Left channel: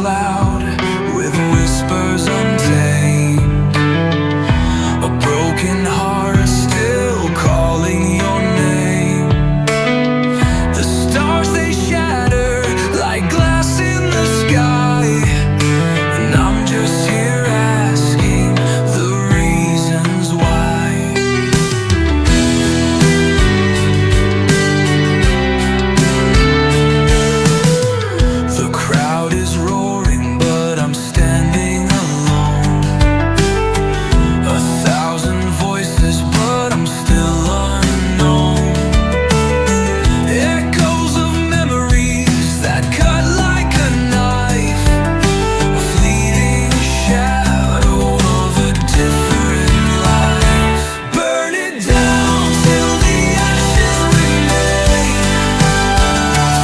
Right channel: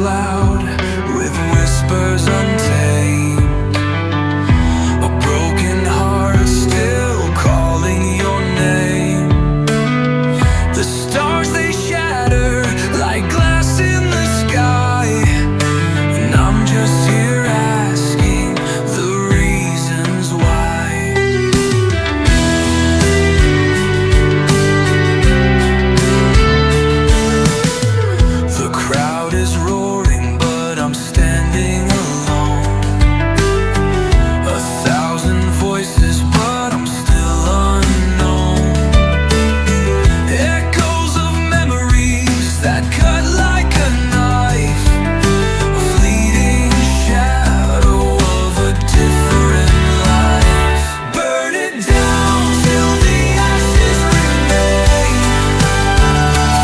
loud with whispers untamed. A broken heart still calling your name. The stars, they shatter like glass in the sky, and I'm just here asking the reasons why. The crowd is roaring, but I'm standing alone. 1,000 voices, but I'm still unknown. Echoes of memories that cut like a knife, a fleeting shadow of a different life. Burn it down till the ashes remain.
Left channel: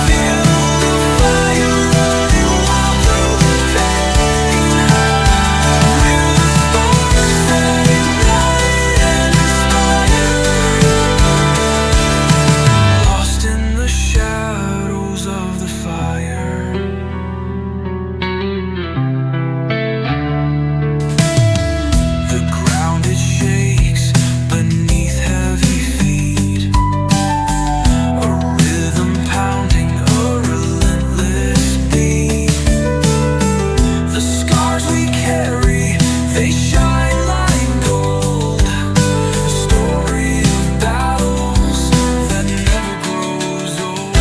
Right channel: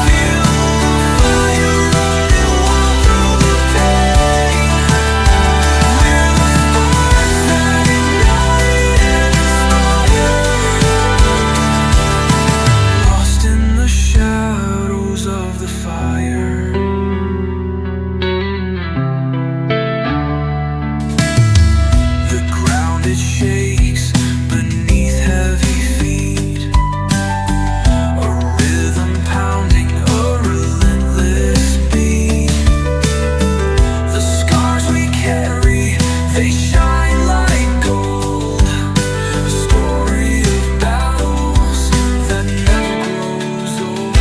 Feel the fire running wild through the pain. We're the sparks that ignite and inspire, lost in the shadows of the fire. The ground, it shakes beneath heavy feet, a rhythm pounding a relentless beat. The scars we carry, they shine like gold, a story of battles that never grows old.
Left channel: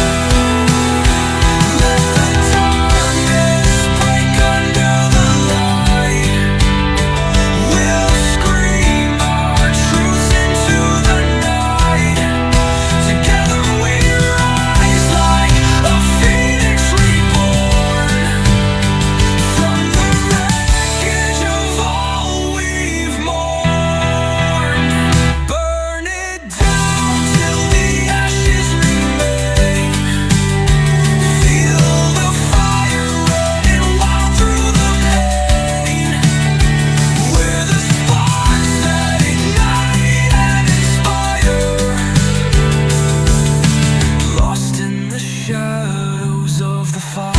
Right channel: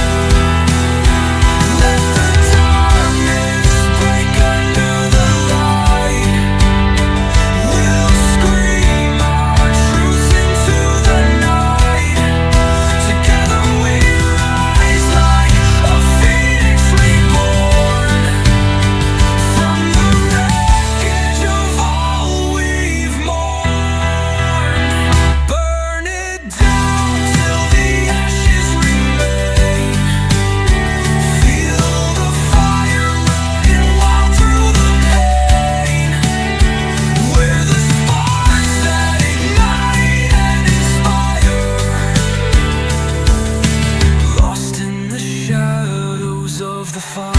Let the darkness break under the light. We'll scream our truths into the night. Together we rise like a phoenix reborn, from the wreckage of all we've mourned. Burn it down till the ashes remain. Feel the fire running wild through the pain. We're the sparks that ignite and inspire, lost in the shadows of the fire.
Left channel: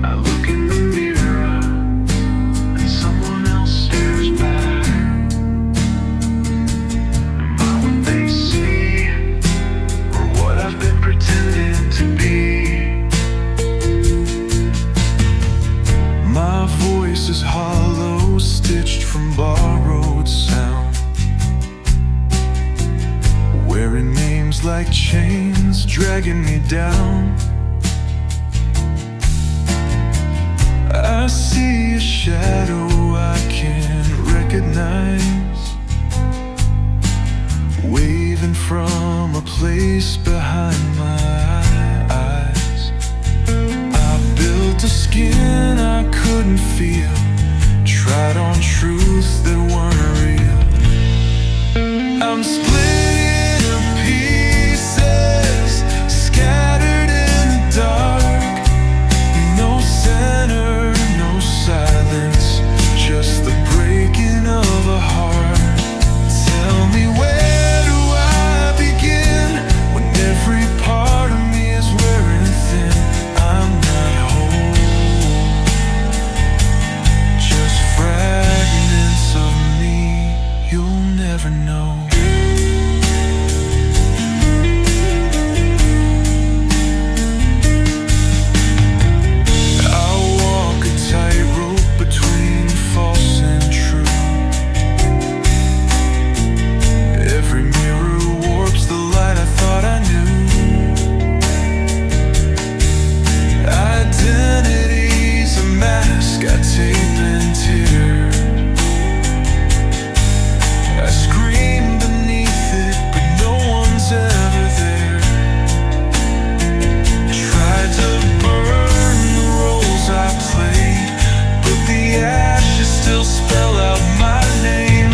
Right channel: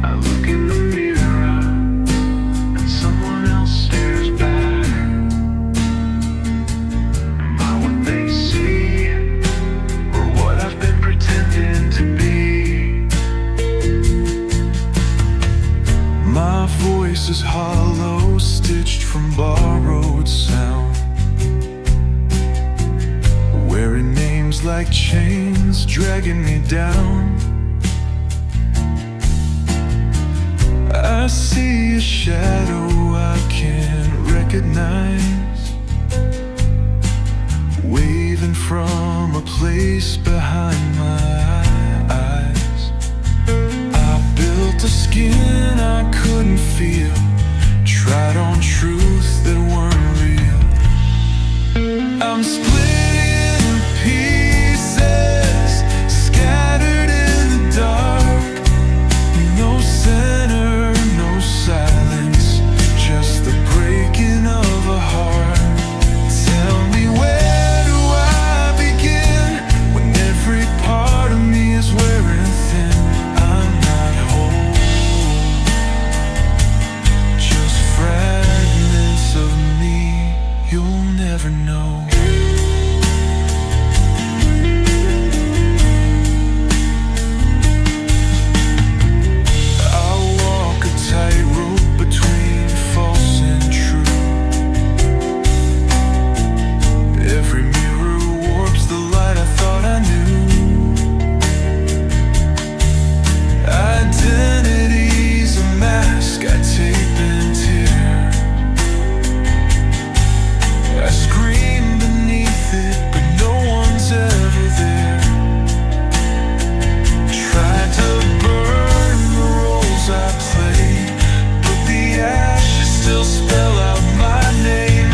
I look in the mirror and someone else stares back. Am I what they see, or what I've been pretending to be? My voice is hollow, stitched from borrowed sound, wearing names like chains, dragging me down. I see a shadow I can't recognize, waving from a place behind my eyes. I built a skin I couldn't feel, tried on truths that weren't real. I'm split into pieces, scattered in the dark. No center, no silence, just the breaking of a heart. Tell me, where do I begin when every part of me is wearing thin? I'm not whole, just fragments of me you'll never know. was ever there. Tried to burn the roles I played, but the ashes still spell out my name.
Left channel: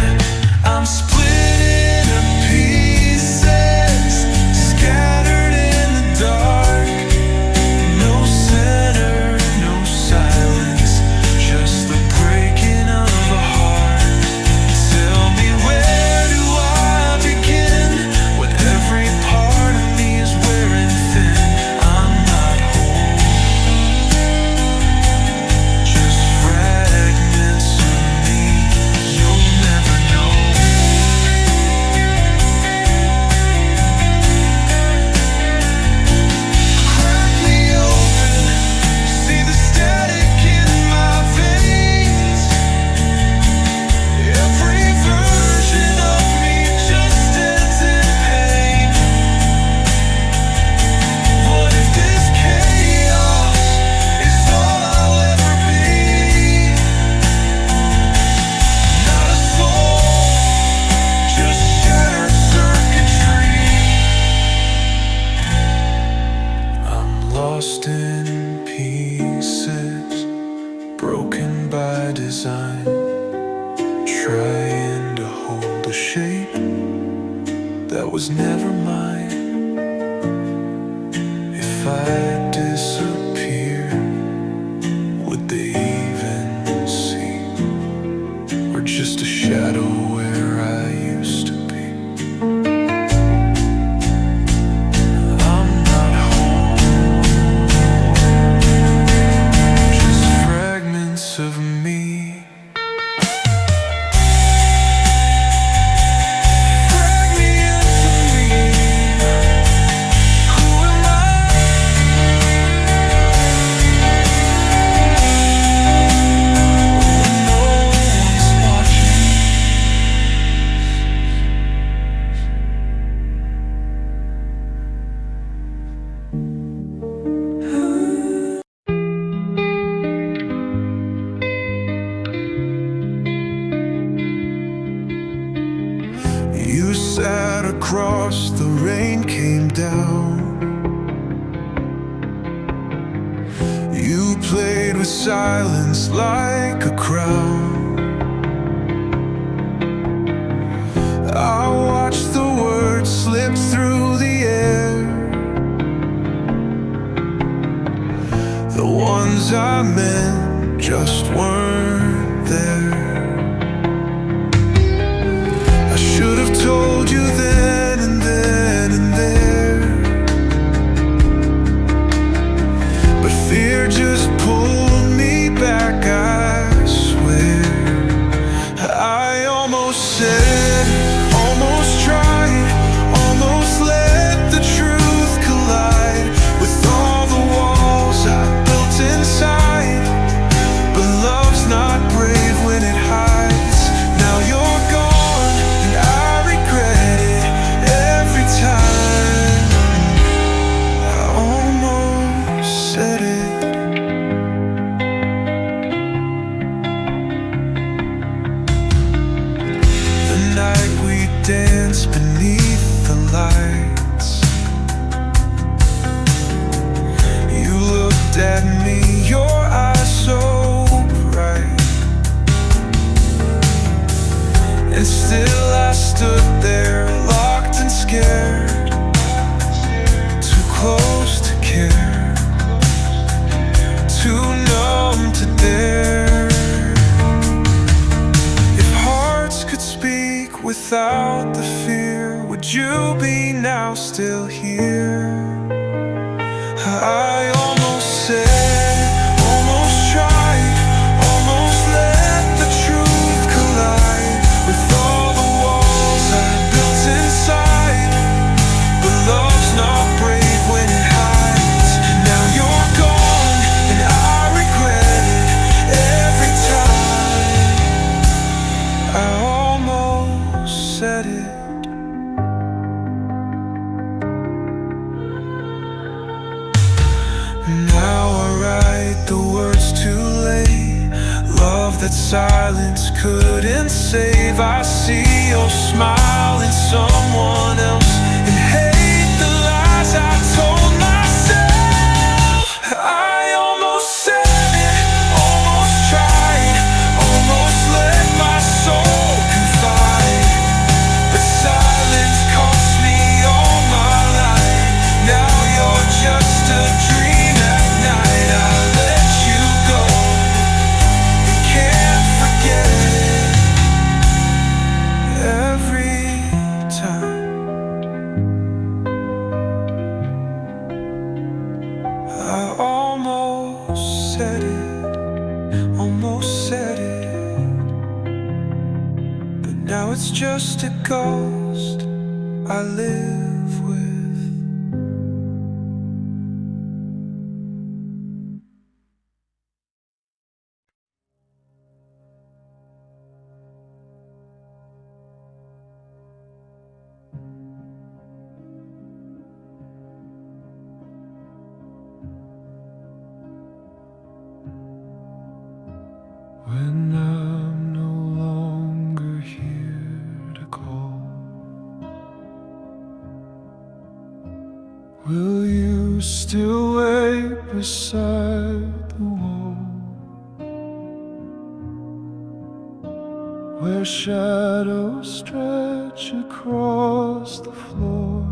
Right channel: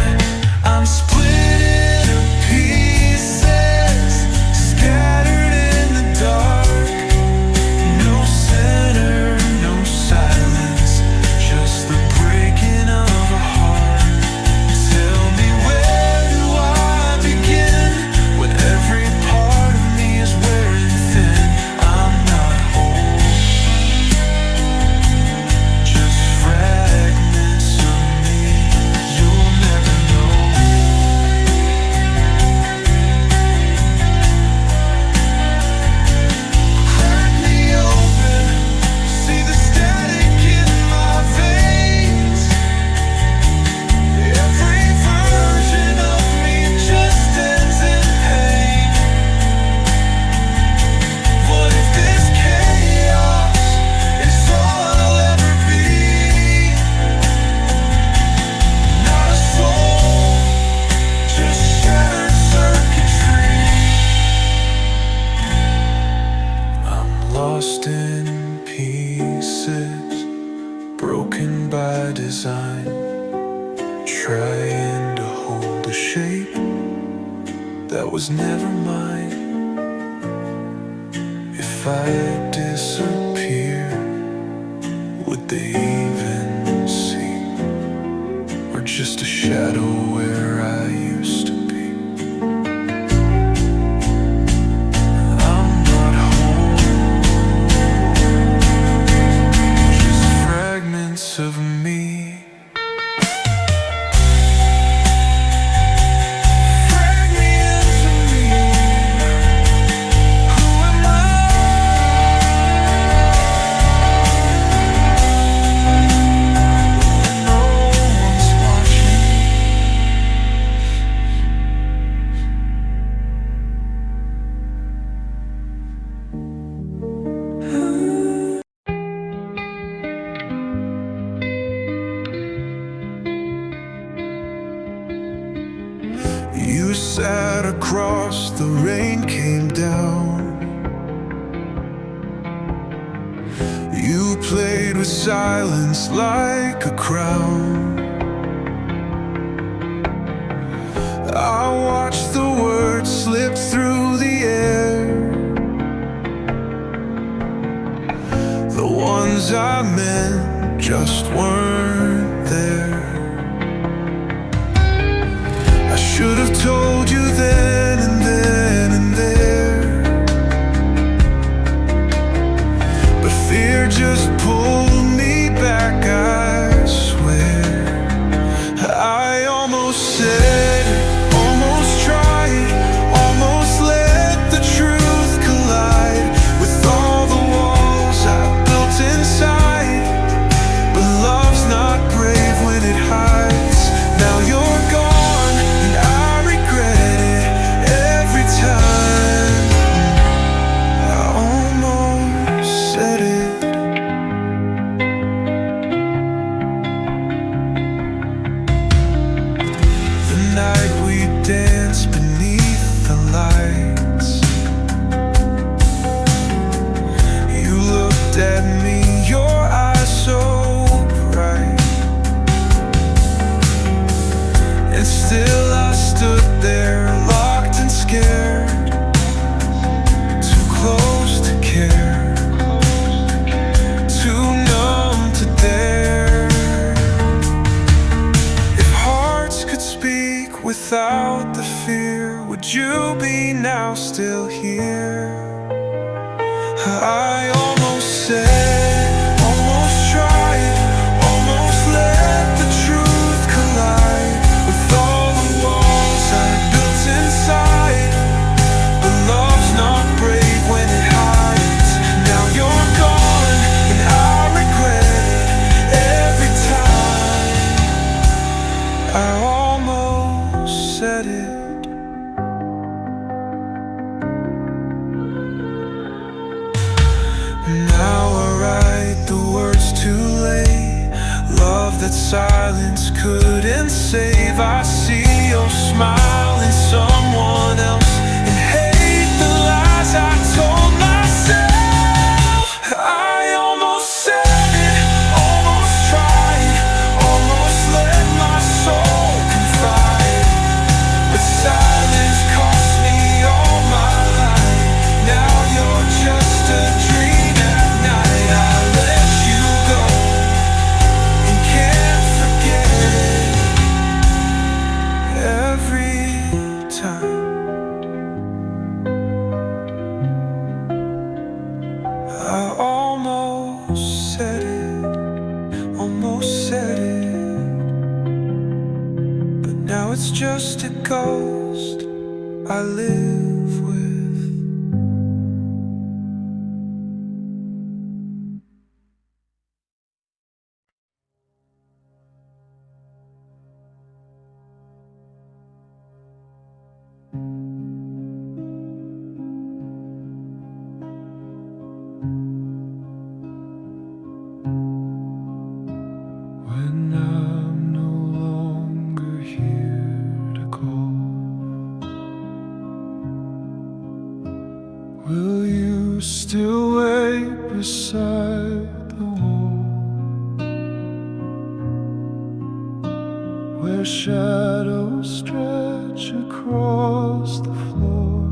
I'm split into pieces, scattered in the dark. No center, no silence, just the breaking of a heart. Tell me, where do I begin when every part of me is wearing thin? I'm not whole, just fragments of me. You'll never know. Crack me open, see the static in my veins. Every version of me just ends in pain. What if this chaos is all I'll ever be? Not a soul, just shattered circuitry. I'm lost in pieces, broken by design, trying to hold a shape that was never mine. If I disappear, would they even see? Or just a shadow where I used to be? I'm not home, just fragments of me. Drag me into me. Who am I? When no one's watching. You sat across, the rain came down. You played with silence like a crown. I watched the words slip through the air, the ones I meant just weren't there. I should have told you then and then and there, but fear just pulled me back, I swear. I almost said it, almost tried, almost let the truth collide with all the walls I built inside. But love's not brave when it hides. Now you're gone and I regret it every time. I almost said it. The night we danced beneath the lights, you looked at me, your eyes so bright, and still I stood there, locked and scared, too close to care, too numb to dare. If hearts could speak without the fear, would you be now still here? I almost said, almost tried, almost let the truth collide with all the walls I built inside. But love's not brave when it hides. Now you're gone and I regret it every time. I almost said it. Now I write the words too late, love that silence couldn't save. I see your smile in someone else, and hey, it's just a ghost I live with. When I'm no longer here to call, will you still wait beside the wall, where shadows stretch across the floor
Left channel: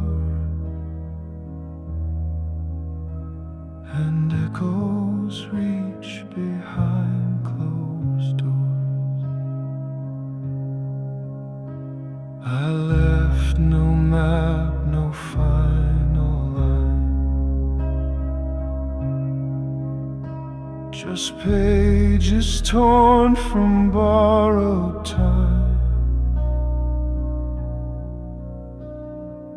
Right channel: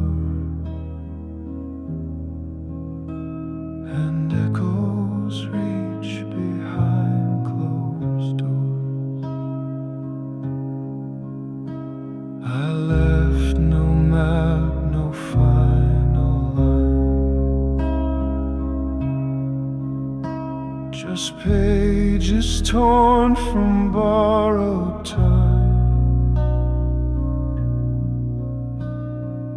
and echoes reach behind closed doors? I left no map, no final line, just pages torn from borrowed time.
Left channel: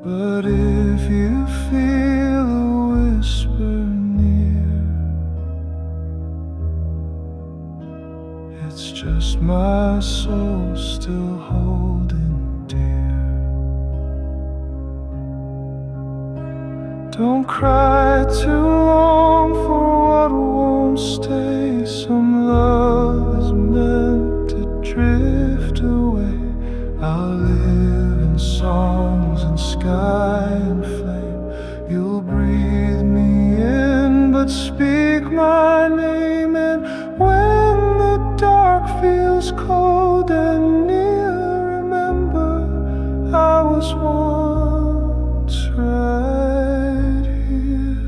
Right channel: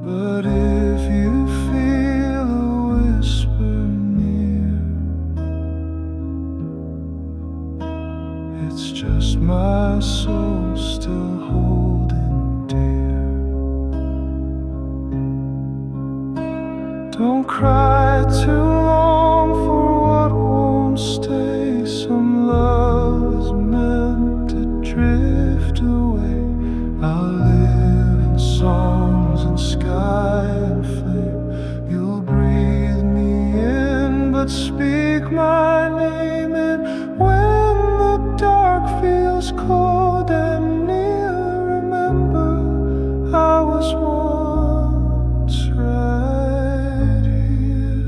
But if you feel a whisper near, it's just my soul still holding dear. Don't cry too long for what won't stay. Some love is meant to drift away. I'll live in songs and sky and flame. You'll breathe me in, but speak my name. And when the dark feels cold and near, remember I was once right here.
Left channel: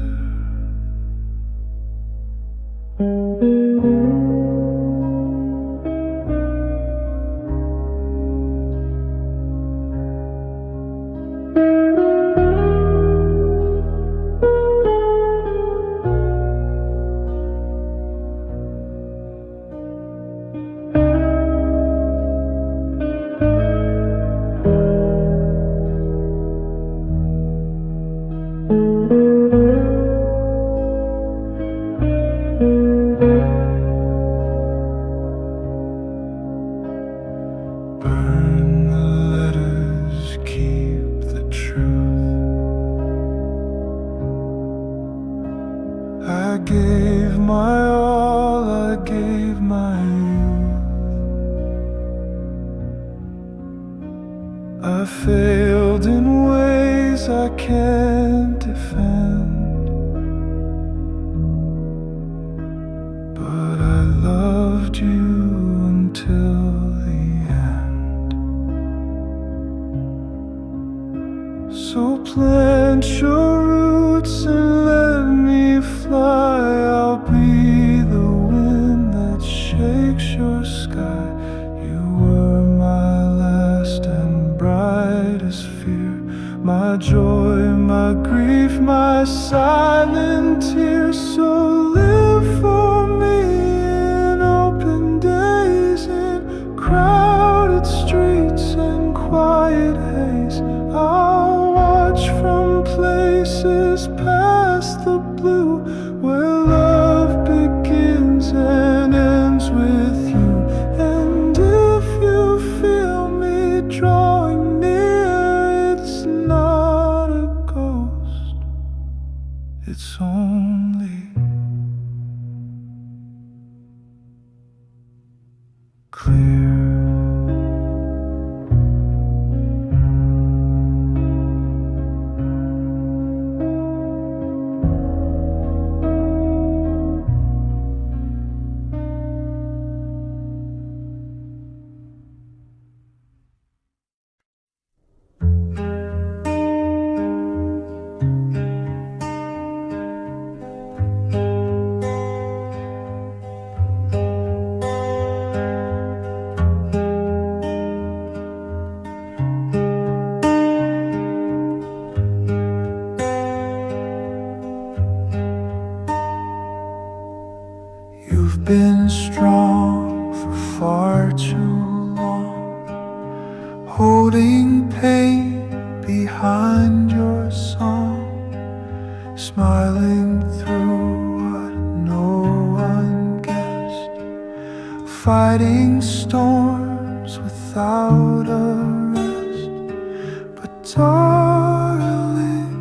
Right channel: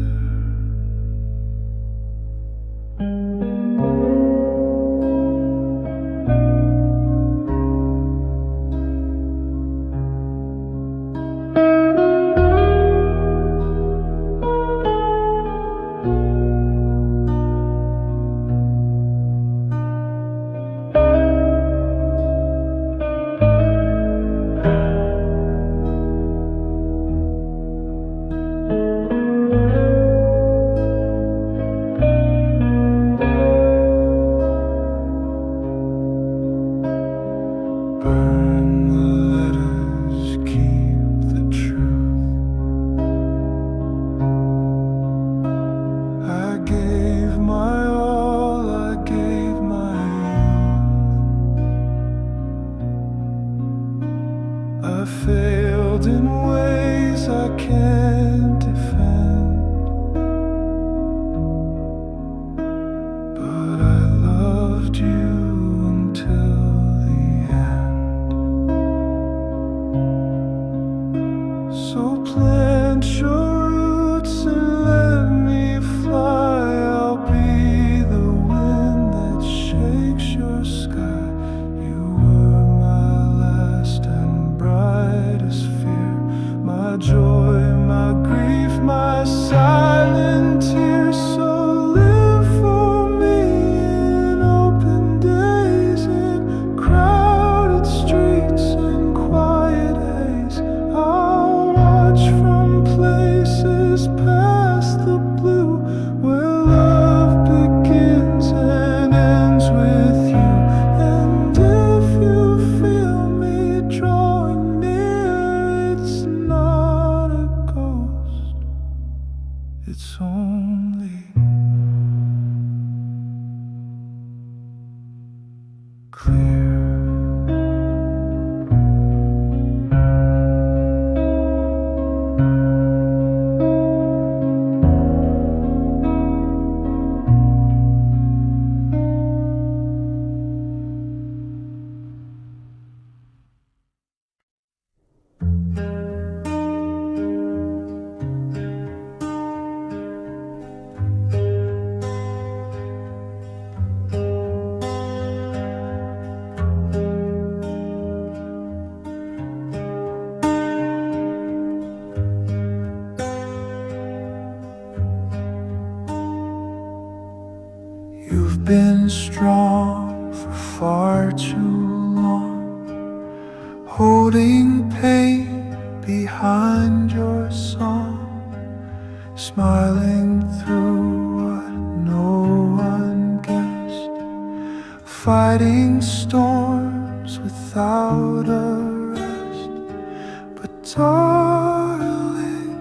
Burn the letters, keep the truth. I gave my all, I gave my youth. I failed in ways I can't defend, but I loved you until the end. So plant your roots and let me fly. I'll be the wind that shakes your sky. You were my last and brightest fear, my joy, my grief, my silent tears. So live for me in open days, in crowded streets and quiet haze. I'll watch from places past the blue, where love begins and ends with you. And if you feel me drawing near, it's not a ghost, it's only clear. You've been strong for far too long, holding pain behind your song, smiling through what no one guessed, fighting storms without a rest. But darling,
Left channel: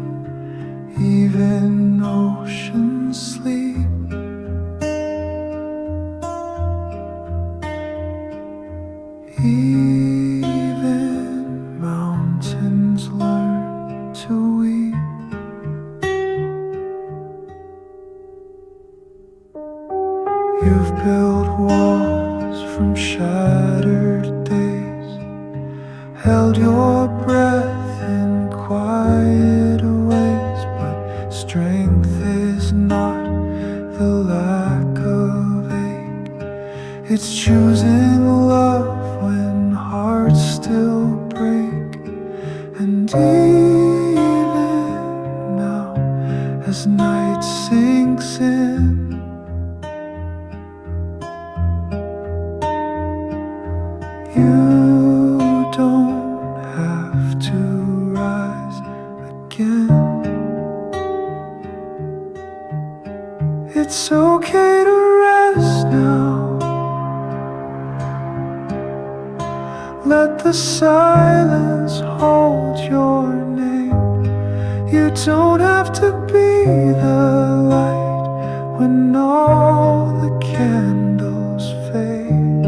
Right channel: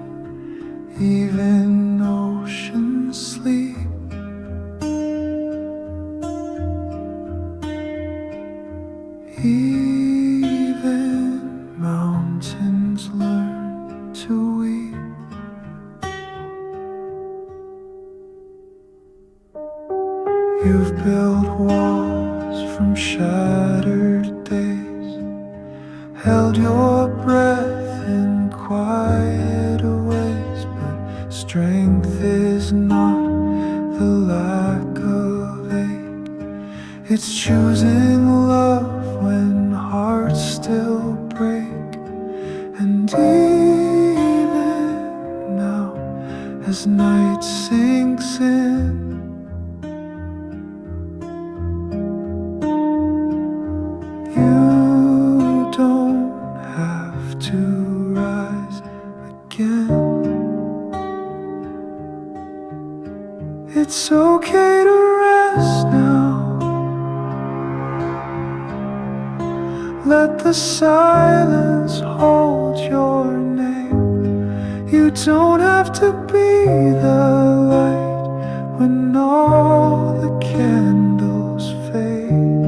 even oceans sleep. Even mountains learn to weep. You've built walls from shattered days, held your breath in quiet ways. But strength is not the lack of ache, it's choosing love when hearts still break. And even now, as night sinks in, you don't have to rise again. It's okay to rest now. Let the silence hold your name. You don't have to be the light when all the candles fade.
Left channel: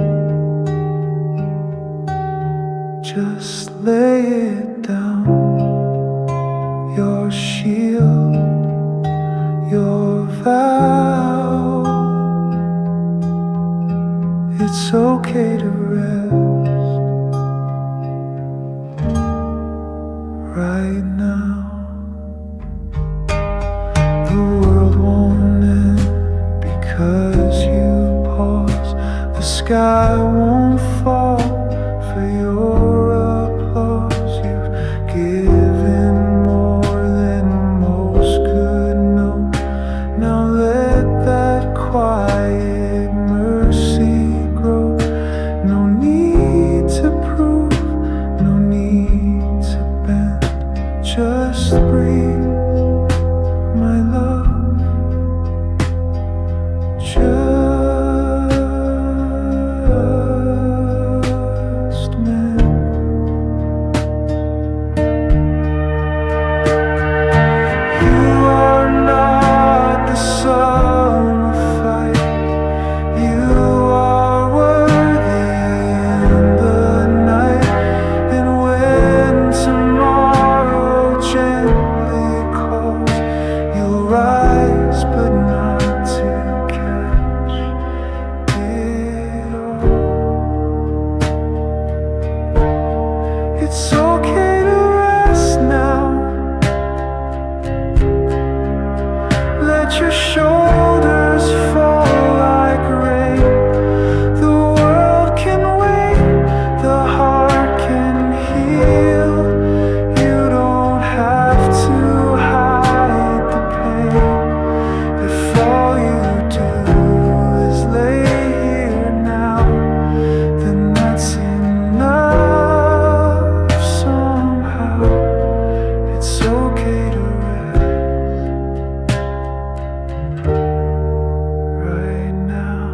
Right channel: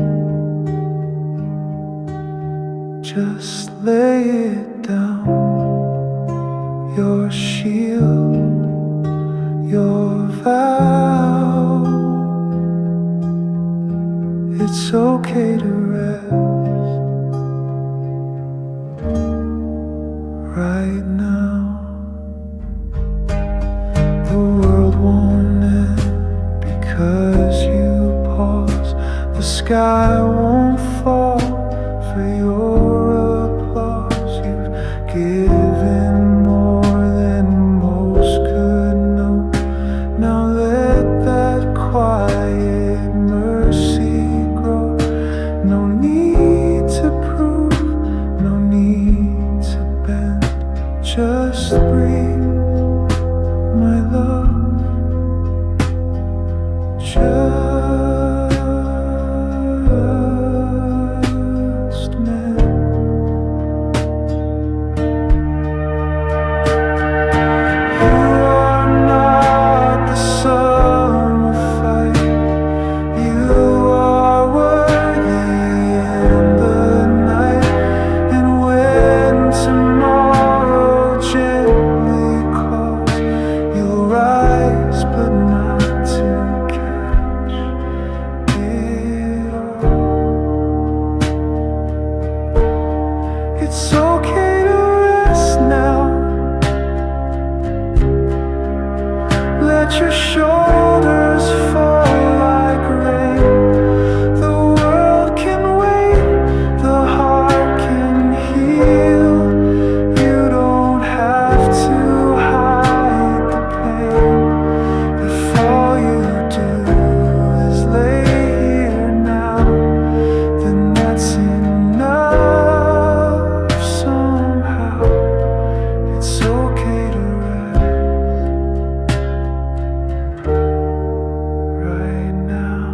Just lay it down, your shield, your vow. It's okay to rest right now. The world won't end because you pause. The sky won't fall for your applause. You've given more than most could know. Now let that quiet mercy grow. No need to prove, no need to bend. Just breathe, my love. Just mend. You are not the summer fight. You are worthy in the night. And when tomorrow gently calls, you'll rise, but not to catch it all. It's okay to rest now. Let your shoulders fall like rain. The world can wait, the heart can heal. You don't have to hide the pain. If all you do is lay here now, then that's enough somehow. It's okay to rest right now.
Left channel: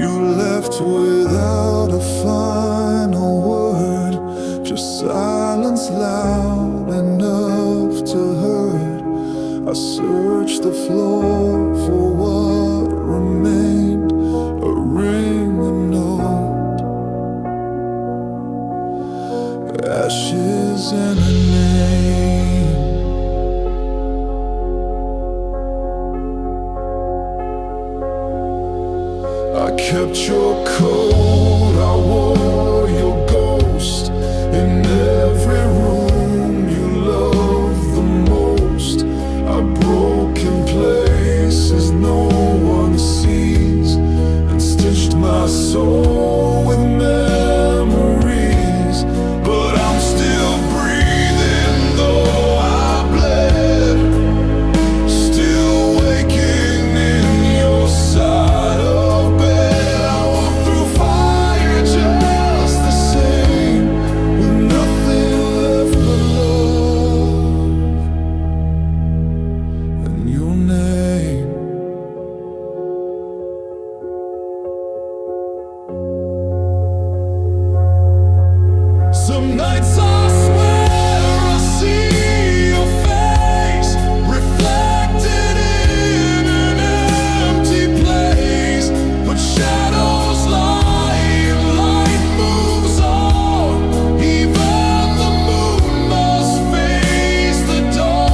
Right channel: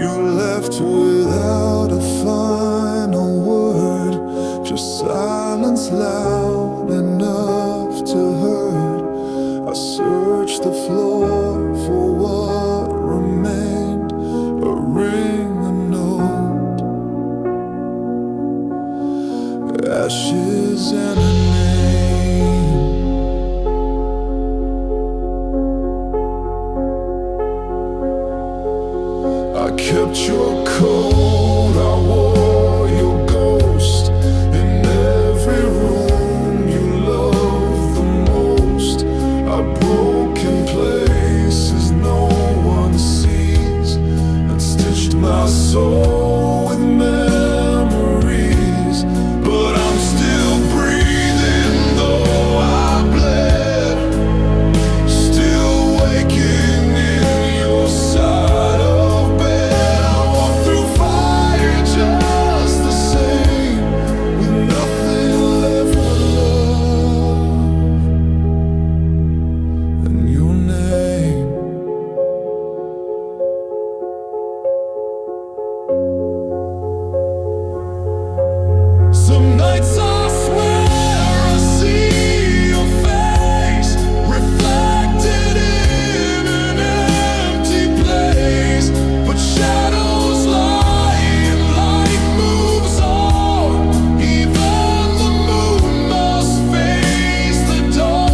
You left without a final word, just silence loud enough to hurt. I searched the floor for what remained, a ring, a note, ashes and a name. wept your coat, I wore your ghost in every room you loved the most. Our broken places no one sees, and stitched my soul with memories. But I'm still breathing though I bled, still waking in your side of bed. I walk through fire just the same, with nothing left but love and your name. Some nights I swear I see your face reflected in an empty place, but shadows lie and light moves on. Even the moon must face the dawn.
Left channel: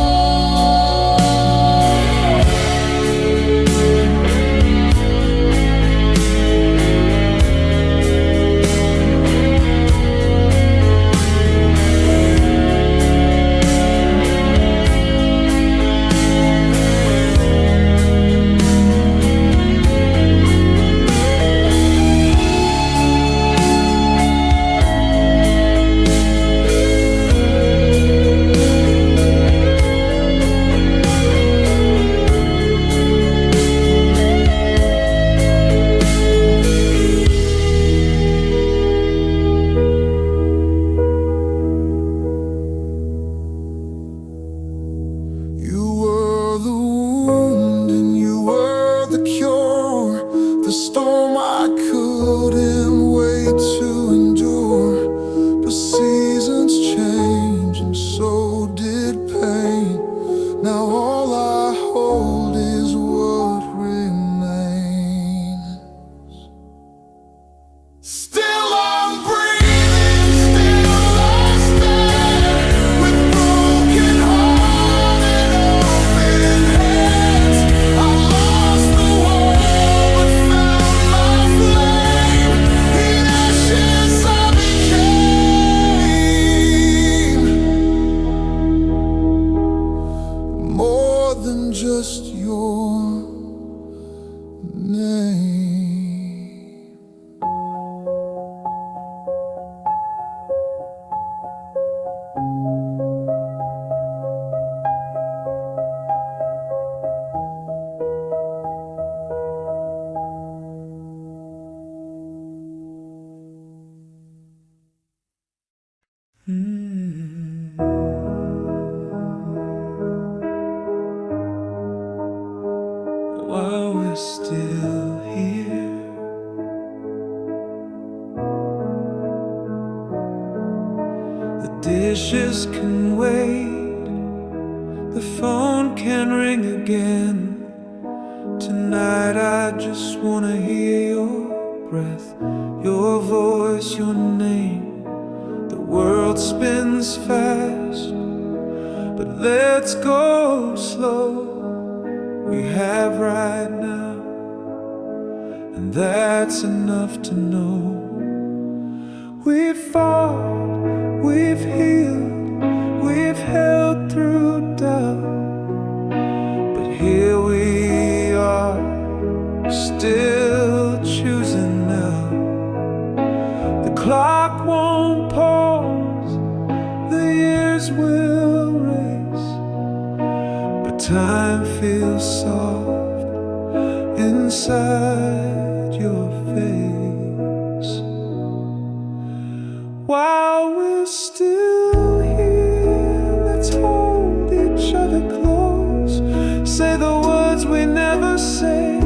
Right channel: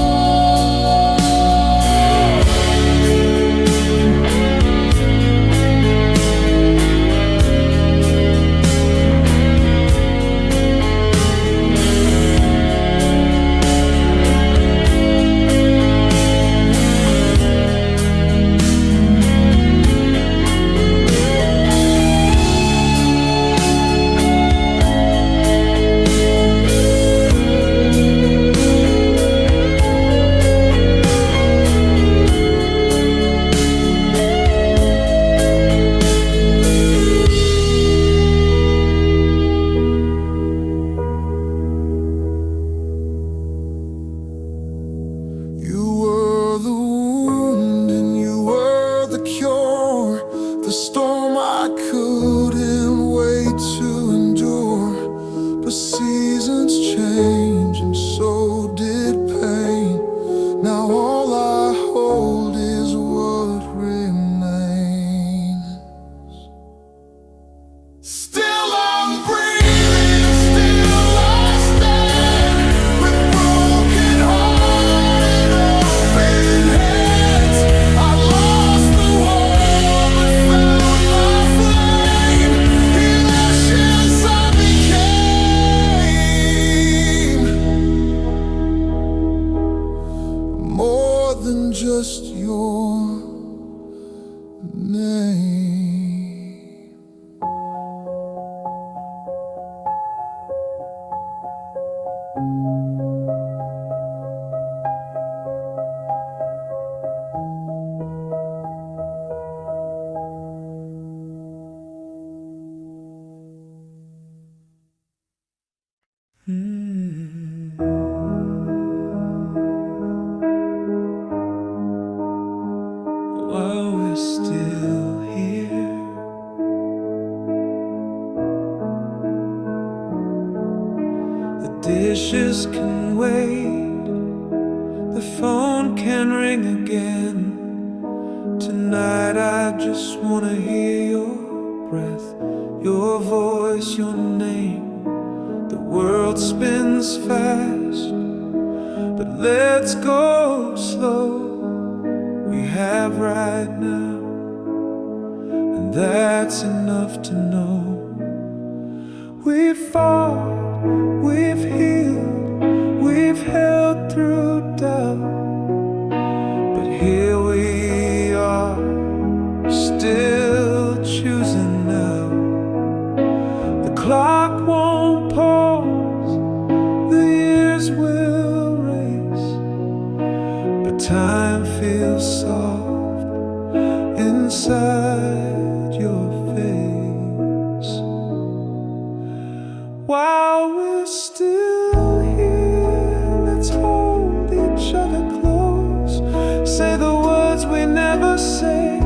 You were the wound and you were the cure, the storm I couldn't wait to endure. But seasons change and so did pain. Now all I hold is what remains. Still I'm breathing, still I stand, with broken heart and open hands. I lost the war but found my flame. In ashes I became more than just your name. While we're still here, the dishes can wait, the phone can ring again. Tonight I just wanna hear your breath, your voice, your name. The world spins fast, but let's go slow. We have right now, and that's enough to know. We've fought, we've healed, we've held through doubt, but here we are, still choosing now. The clock won't pause, the years will race, but time feels soft inside your face. While we're still here, let's hold each other close. Say the words we never say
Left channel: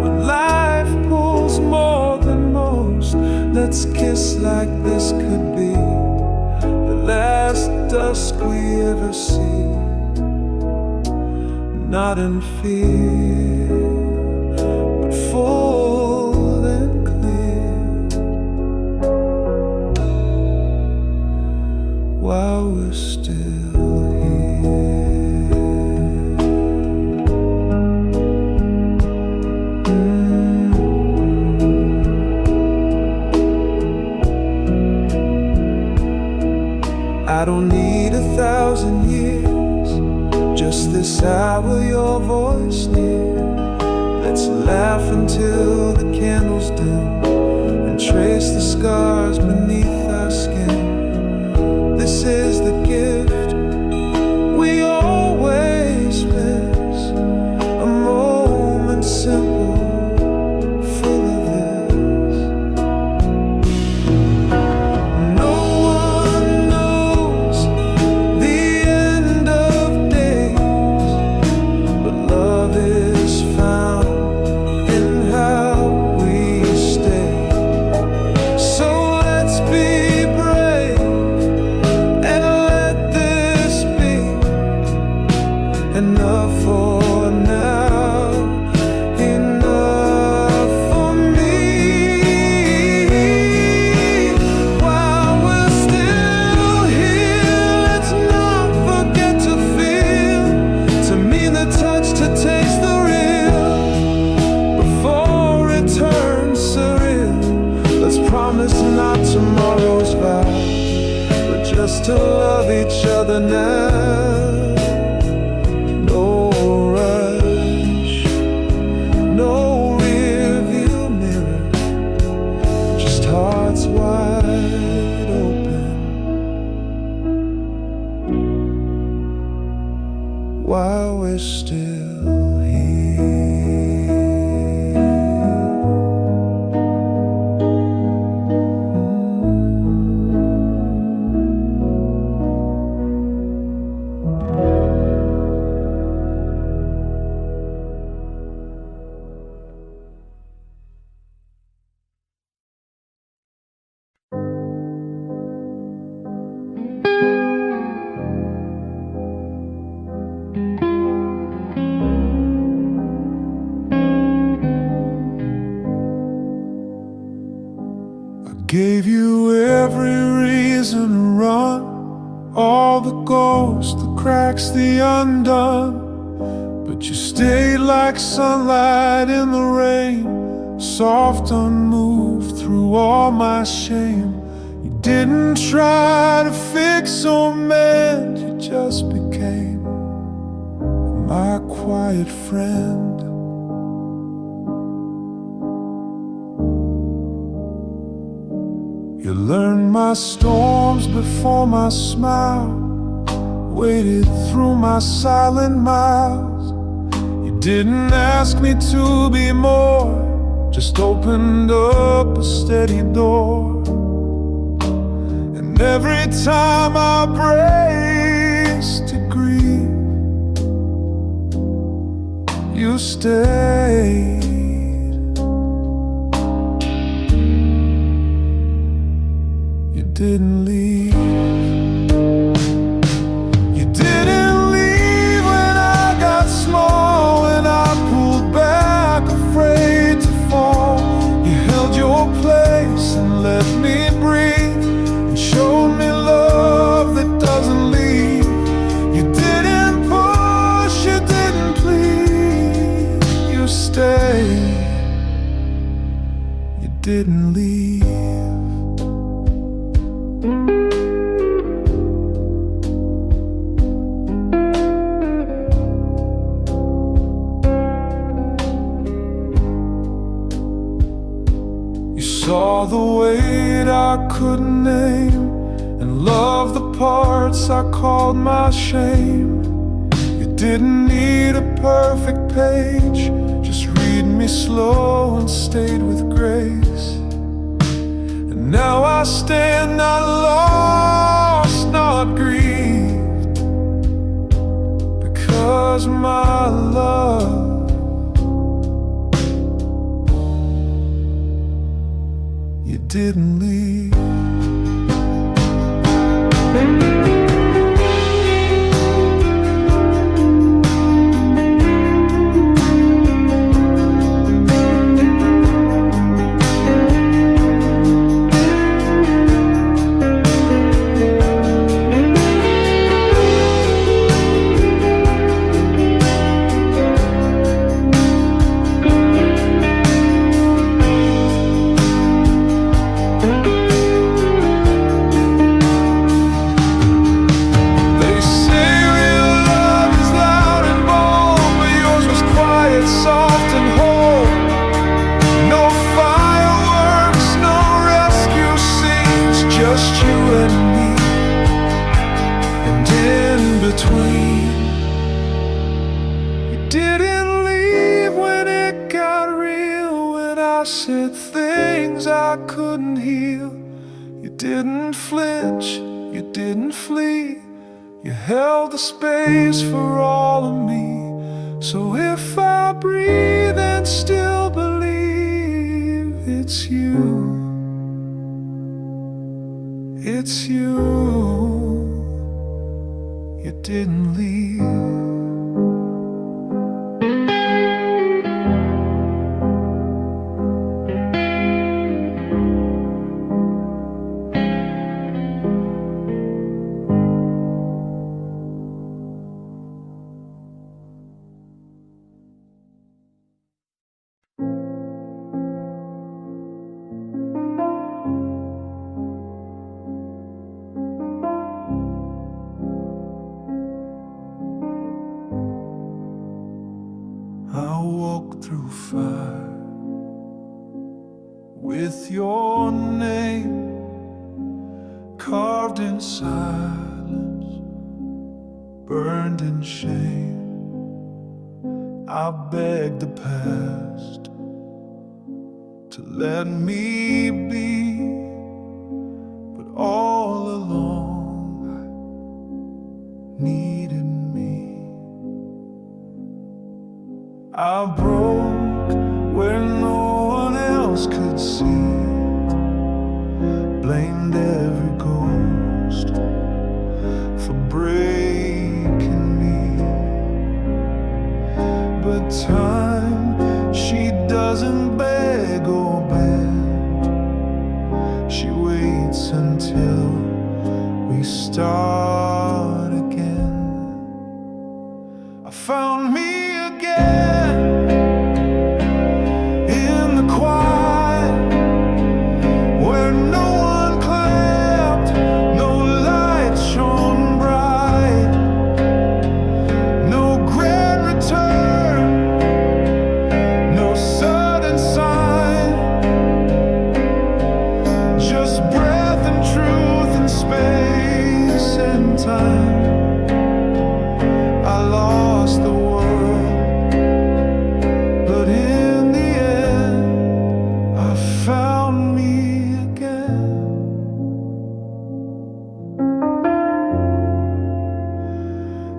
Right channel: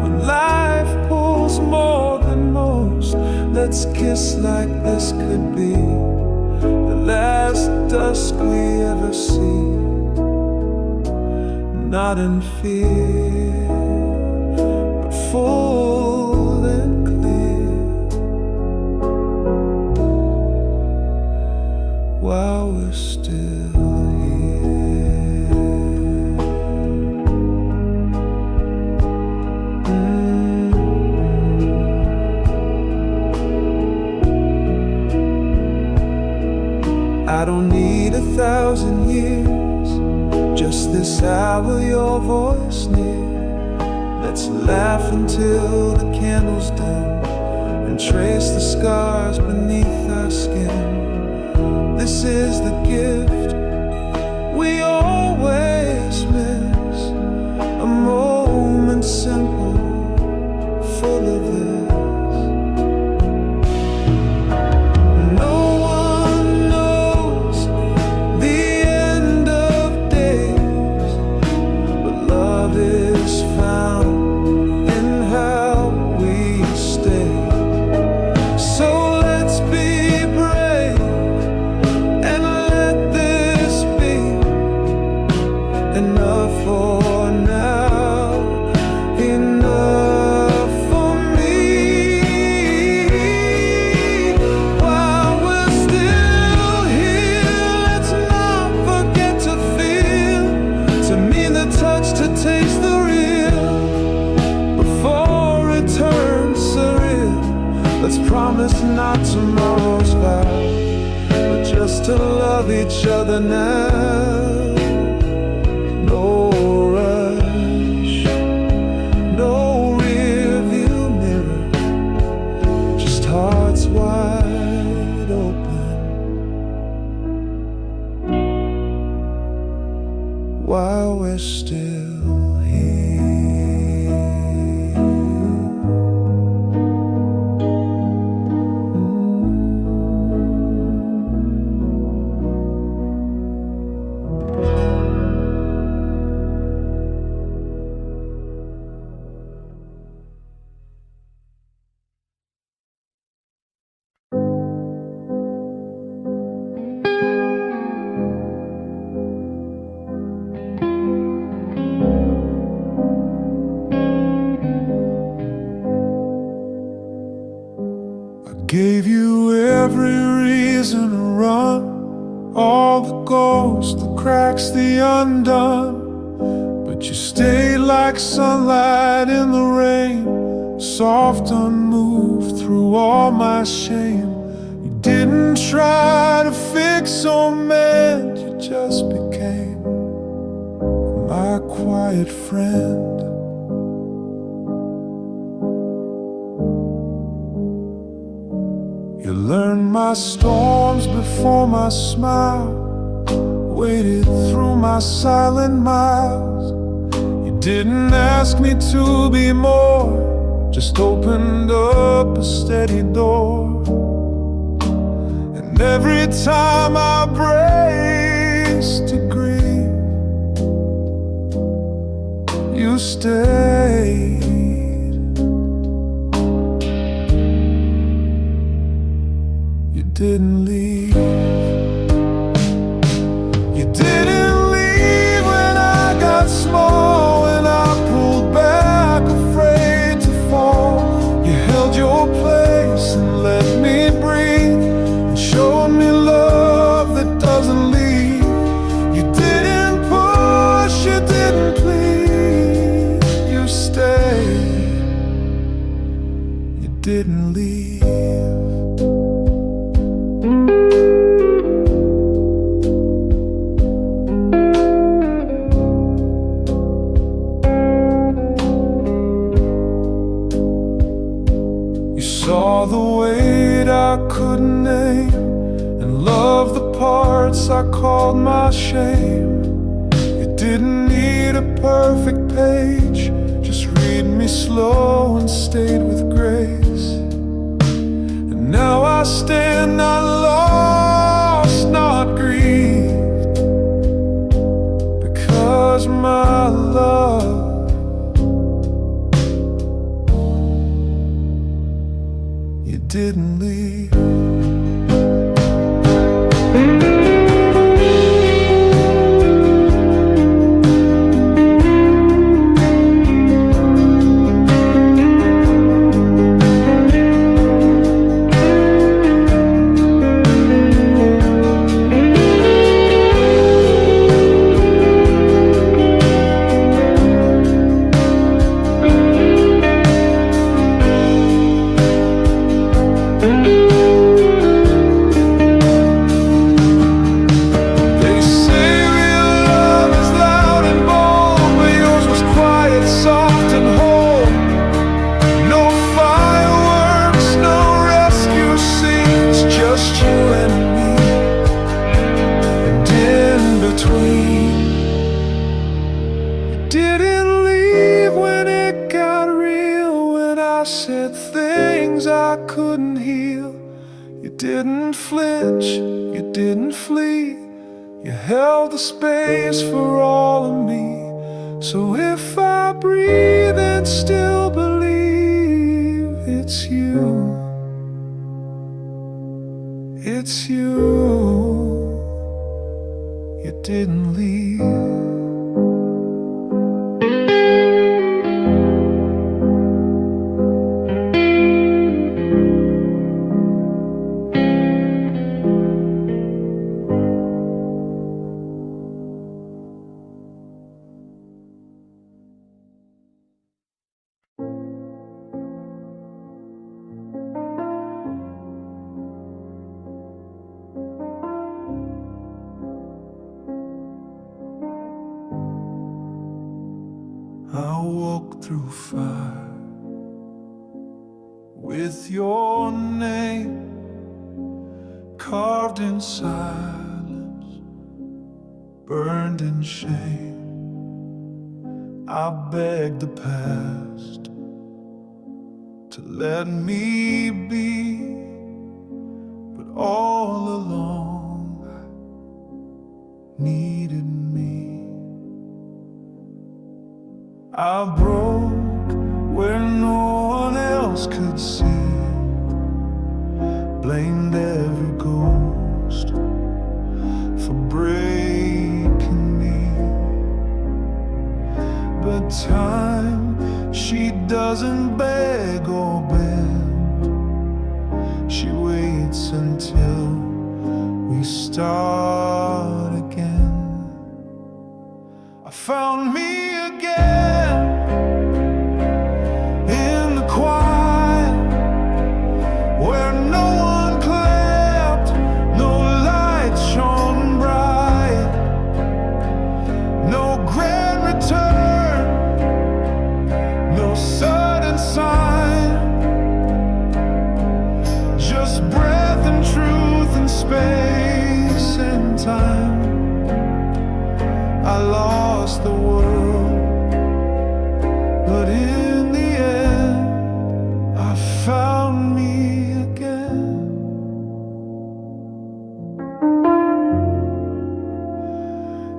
when life pulls more than most. Let's kiss like this could be the last dusk we ever see. Not in fear, but full and clear. While we're still here. I don't need 1,000 years, just this hour, your voice near. Let's laugh until the candles dim and trace the scars beneath our skin. This is the gift we always miss, a moment simple, full of this. No one knows the end of days, but love is found in how we stay. So let's be brave and let this be enough for now, enough for me. While we're still here, let's not forget to feel, to mean the touch, to taste the real, before it turns surreal. Let's promise not tomorrow's vow, but just to love each other now. No rush, no rear view mirror, just hearts wide open while we're still here. Gave you every reason to run, all the ghosts, the cracks, the undone. But you stayed like sunlight in the rain, soft, unmoved through all my shame. You didn't try to fix or mend, you just became my quiet friend. You learned my storms before my smile, waded through my silent miles. You didn't ask me to be more, just opened up a steady door. And every time I braced to grieve, you stayed. You didn't leave. You didn't leave when I got small, when I pulled back, afraid to fall. You held your place and let me breathe, and showed me love that doesn't leave. You didn't push, you didn't plead, you stayed. You didn't leave. You saw the weight I couldn't name, and loved the parts I called my shame. You didn't need a perfect page, just read me slow and stayed with grace. And now I stand not lost, not grieved, because my love, you didn't leave. just you and me, and in between. You didn't leave when it got real, when I said things I couldn't heal. You didn't flinch, you didn't flee. You held the space for all of me. So if I breathe and still believe, it's you. It's you. You didn't leave. I walk through fire with your name carved in silence, burned in shame. I beg the past to let me be, but all along I needed me. I broke where no one else could see, blamed every ghost for breaking me. But time, she doesn't beg or bend. She waits until we start again. I found me again in the quiet, where no one clapped, no light shone bright, no grand return, no sudden sign, just breath and truth and space and time. I lost the world, but in the end I found me again.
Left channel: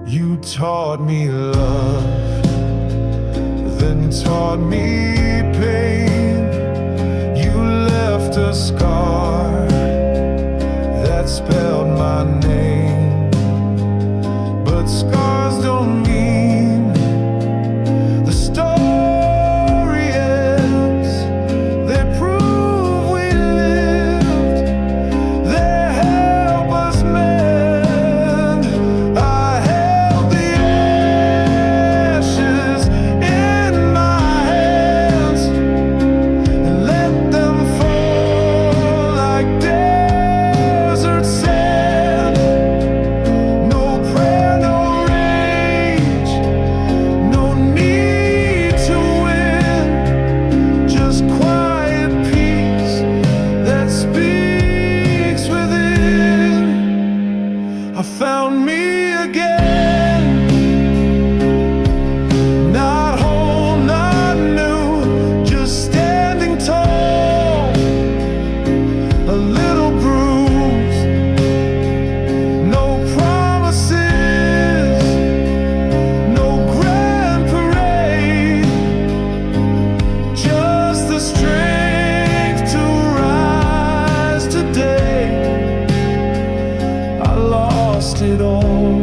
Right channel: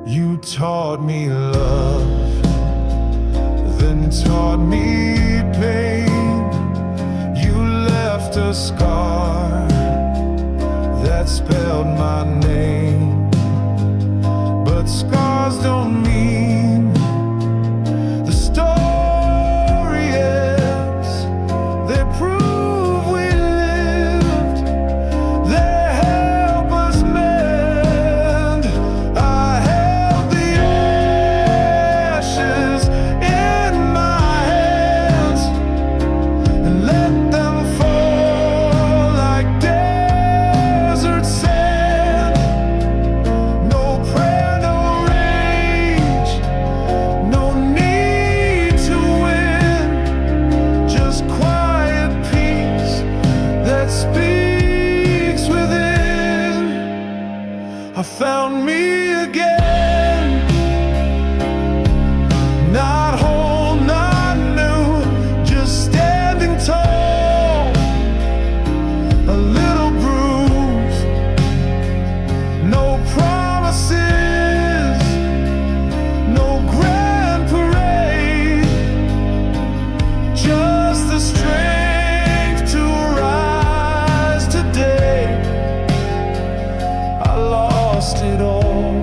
You taught me love, then taught me pain. You left a scar that spelled my name. But scars don't mean the story ends. They prove we lived, they help us mend. I held the ashes in my hands and let them fall like desert sand. No prayer, no rage, no need to win, just quiet peace that speaks within. I found me again, not whole, not new, just standing tall, a little bruised, no promises, no grand parade, just the strength to rise today. I lost it all,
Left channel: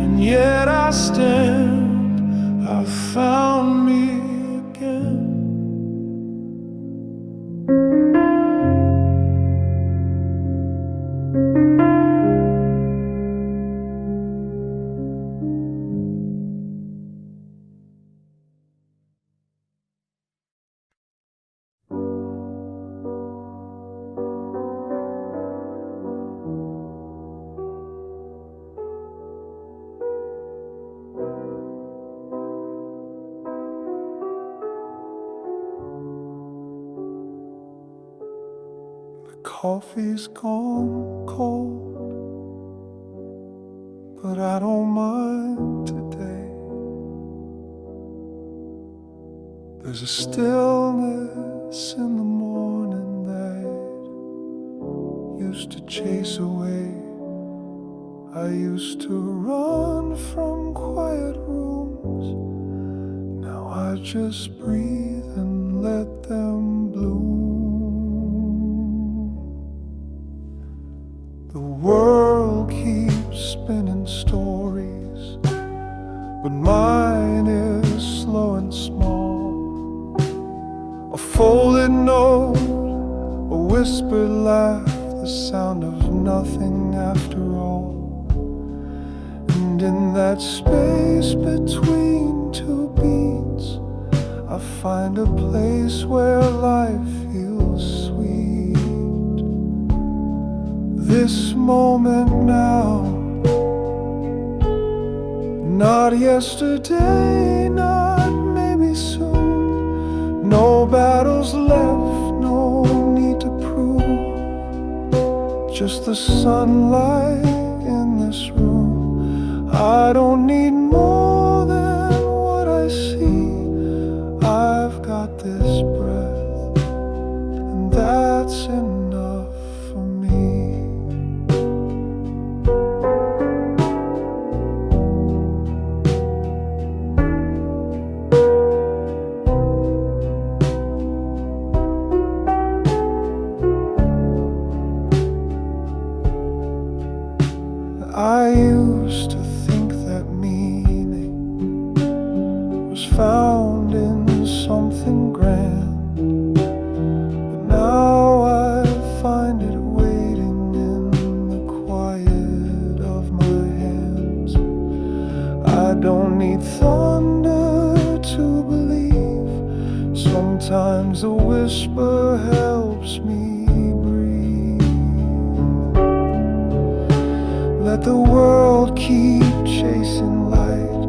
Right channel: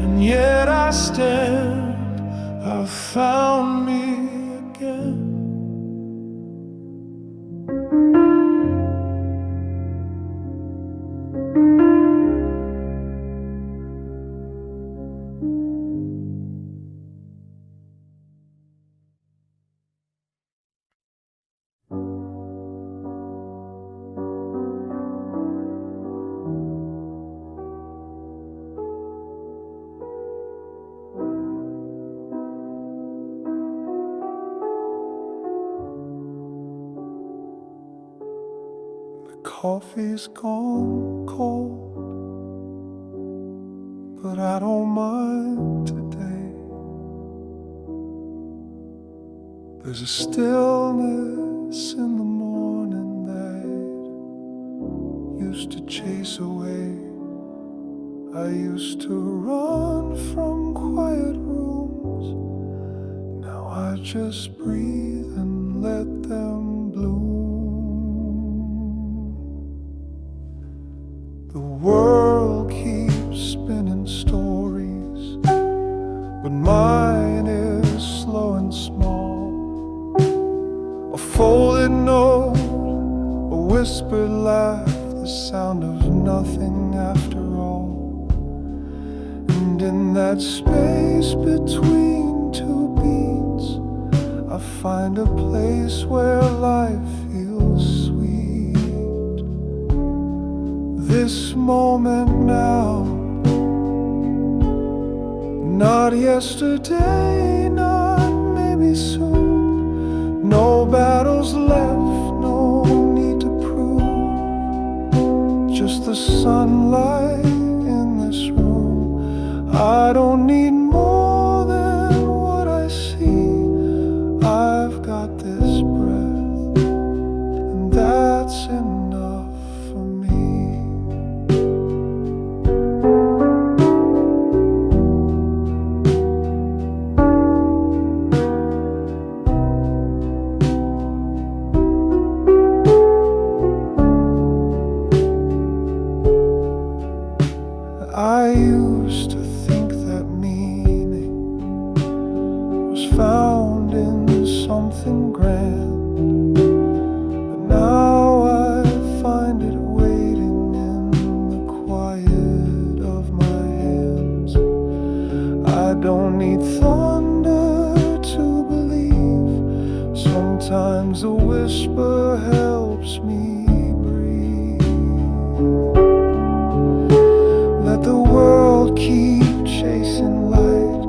and yet I stand. I found me again. coffee's gone cold, but I don't mind today. There's a stillness in the morning that used to chase away. I used to run from quiet rooms. Now I just breathe and let them bloom. The world keeps spinning stories, but mine is slow and small. A folded note, a whispered laugh, the sound of nothing after all. And in that space between two beats, I find a place where life feels sweet. This moment now, not yesterday, not maybe soon. No battles left, no need to prove. Just the sunlight in this room. I don't need more than what I see. I've got this breath, and that's enough for me. I used to think that meaning was found in something grand, but now I find it waiting in the quiet of my hands. I don't need thunder to believe. Sometimes a whisper helps me. Let the world keep chasing light.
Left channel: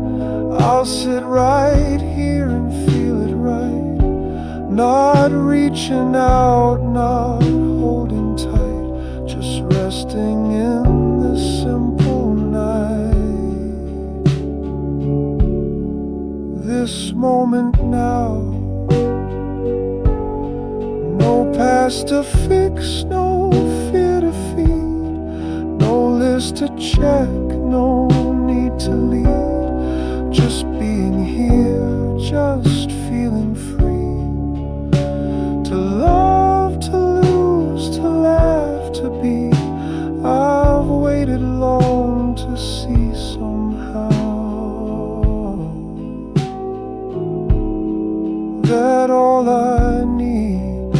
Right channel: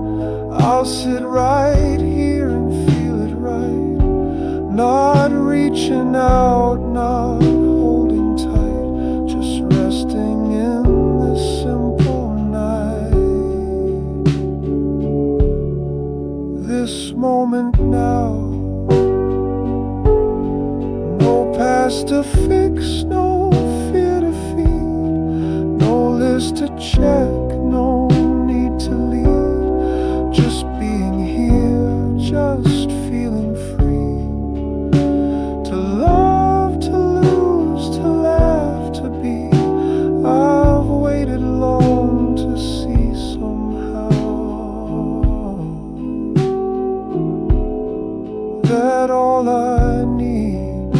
I'll sit right here and feel it right. Not reaching out, not holding tight, just resting in this simple night. This moment now, no past to fix, no fear to feed. No list to check, no need to lead. Just being here, just feeling free. To love, to lose, to laugh, to be. I've waited long to see somehow that all I need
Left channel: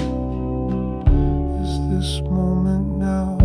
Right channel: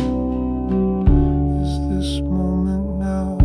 is this moment now.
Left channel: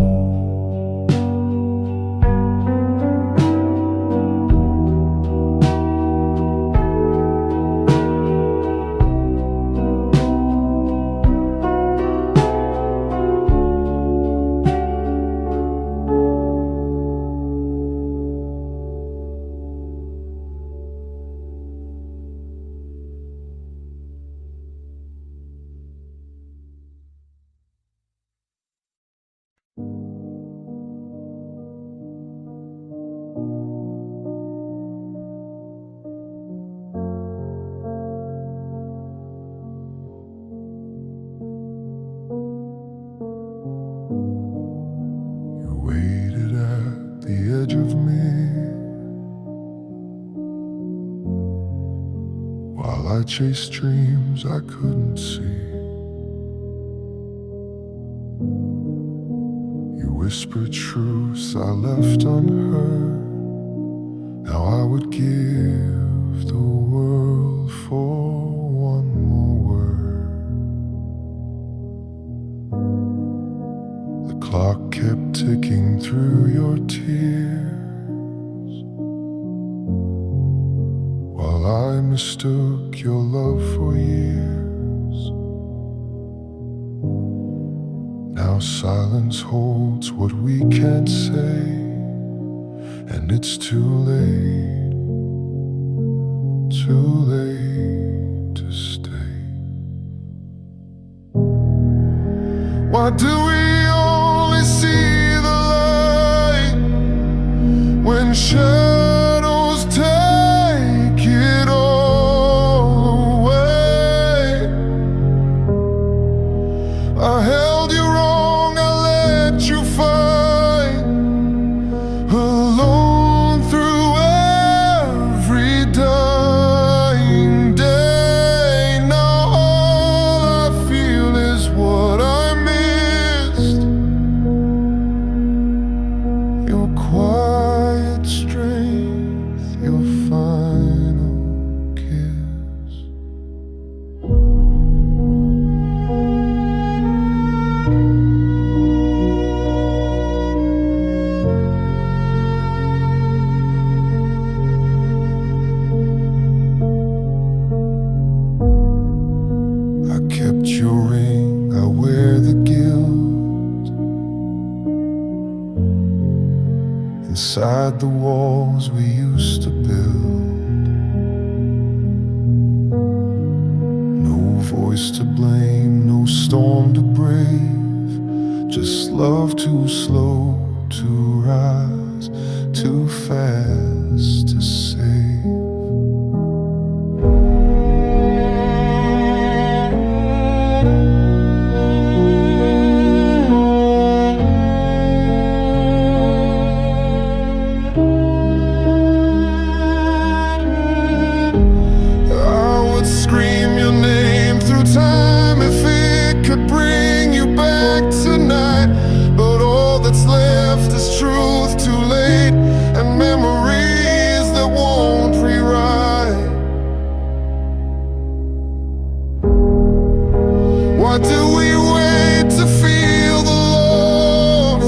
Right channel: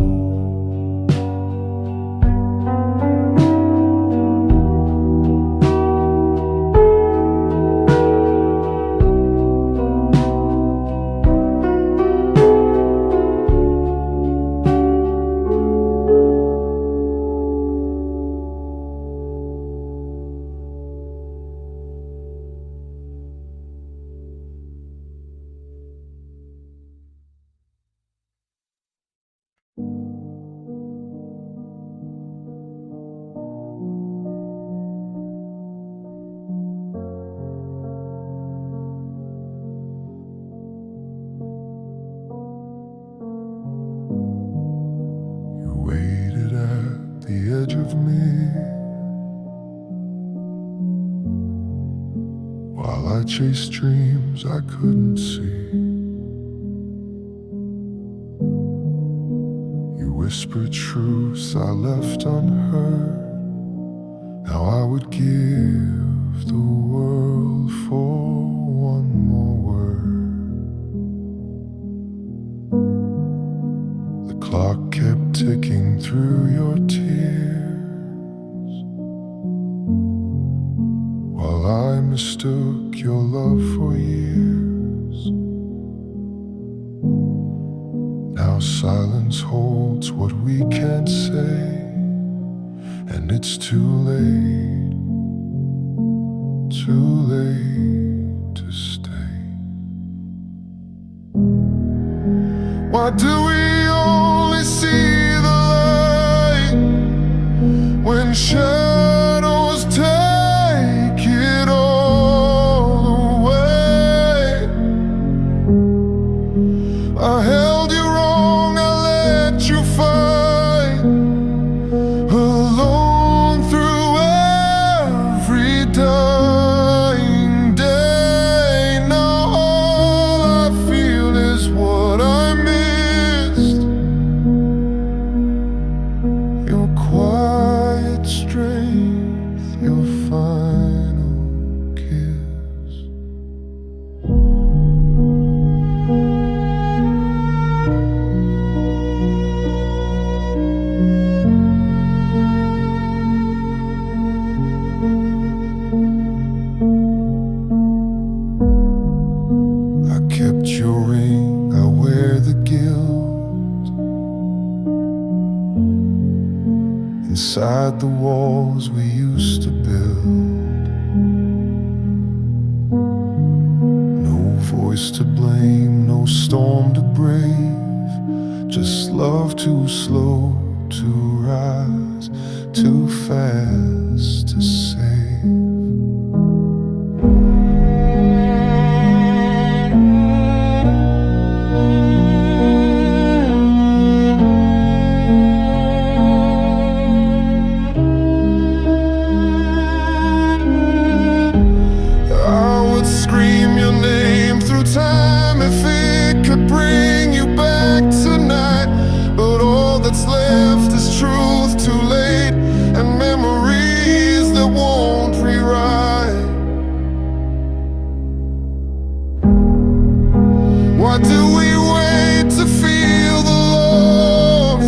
Waited at the edge of me while I chased dreams I couldn't see. You whispered truths I left unheard. How I would give the world for one more word. The clock kept ticking through your tears while I mistook your love for years. Now silence holds what we can't say, and it's too late to stay. Why do we only see the light when shadows take it all away? I held you wrong, I let you fight alone through every dying day. Now all I feel is what I missed, your quiet strength, your final kiss. I kept your ring, I wear the guilt inside the walls we used to build. No voice to blame, no storm to brave, just love too slow to rise, too fast to save. Scream your name through time if it could bring you back tonight. But all that's left is truth too late, and memories that won't rewrite. Why do we wait to feel the loss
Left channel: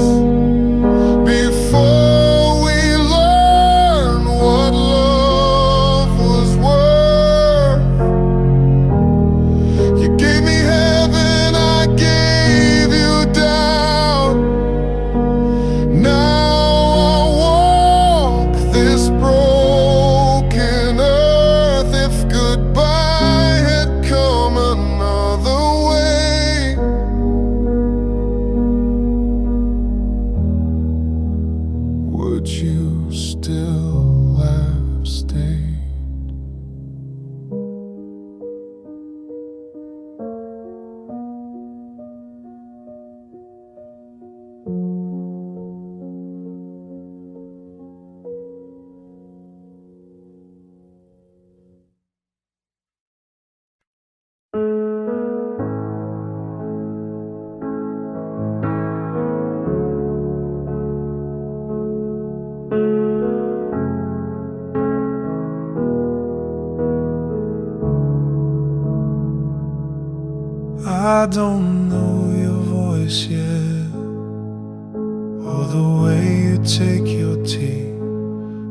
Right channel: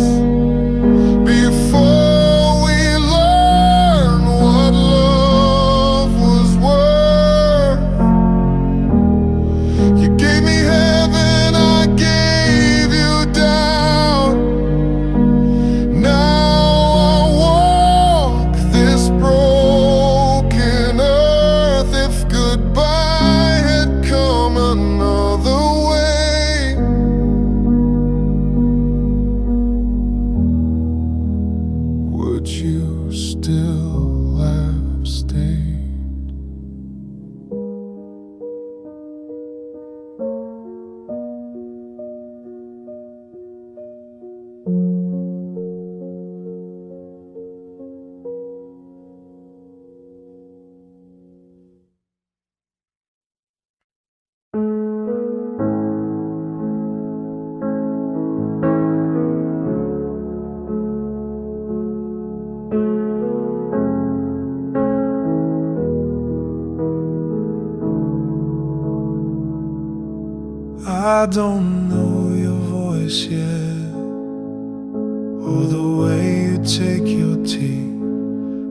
before we learn what love was worth? You gave me heaven, I gave you doubt. Now I walk this broken earth. If goodbye had come another way, would you still have stayed? I don't know your voice yet, or the way you take your tea.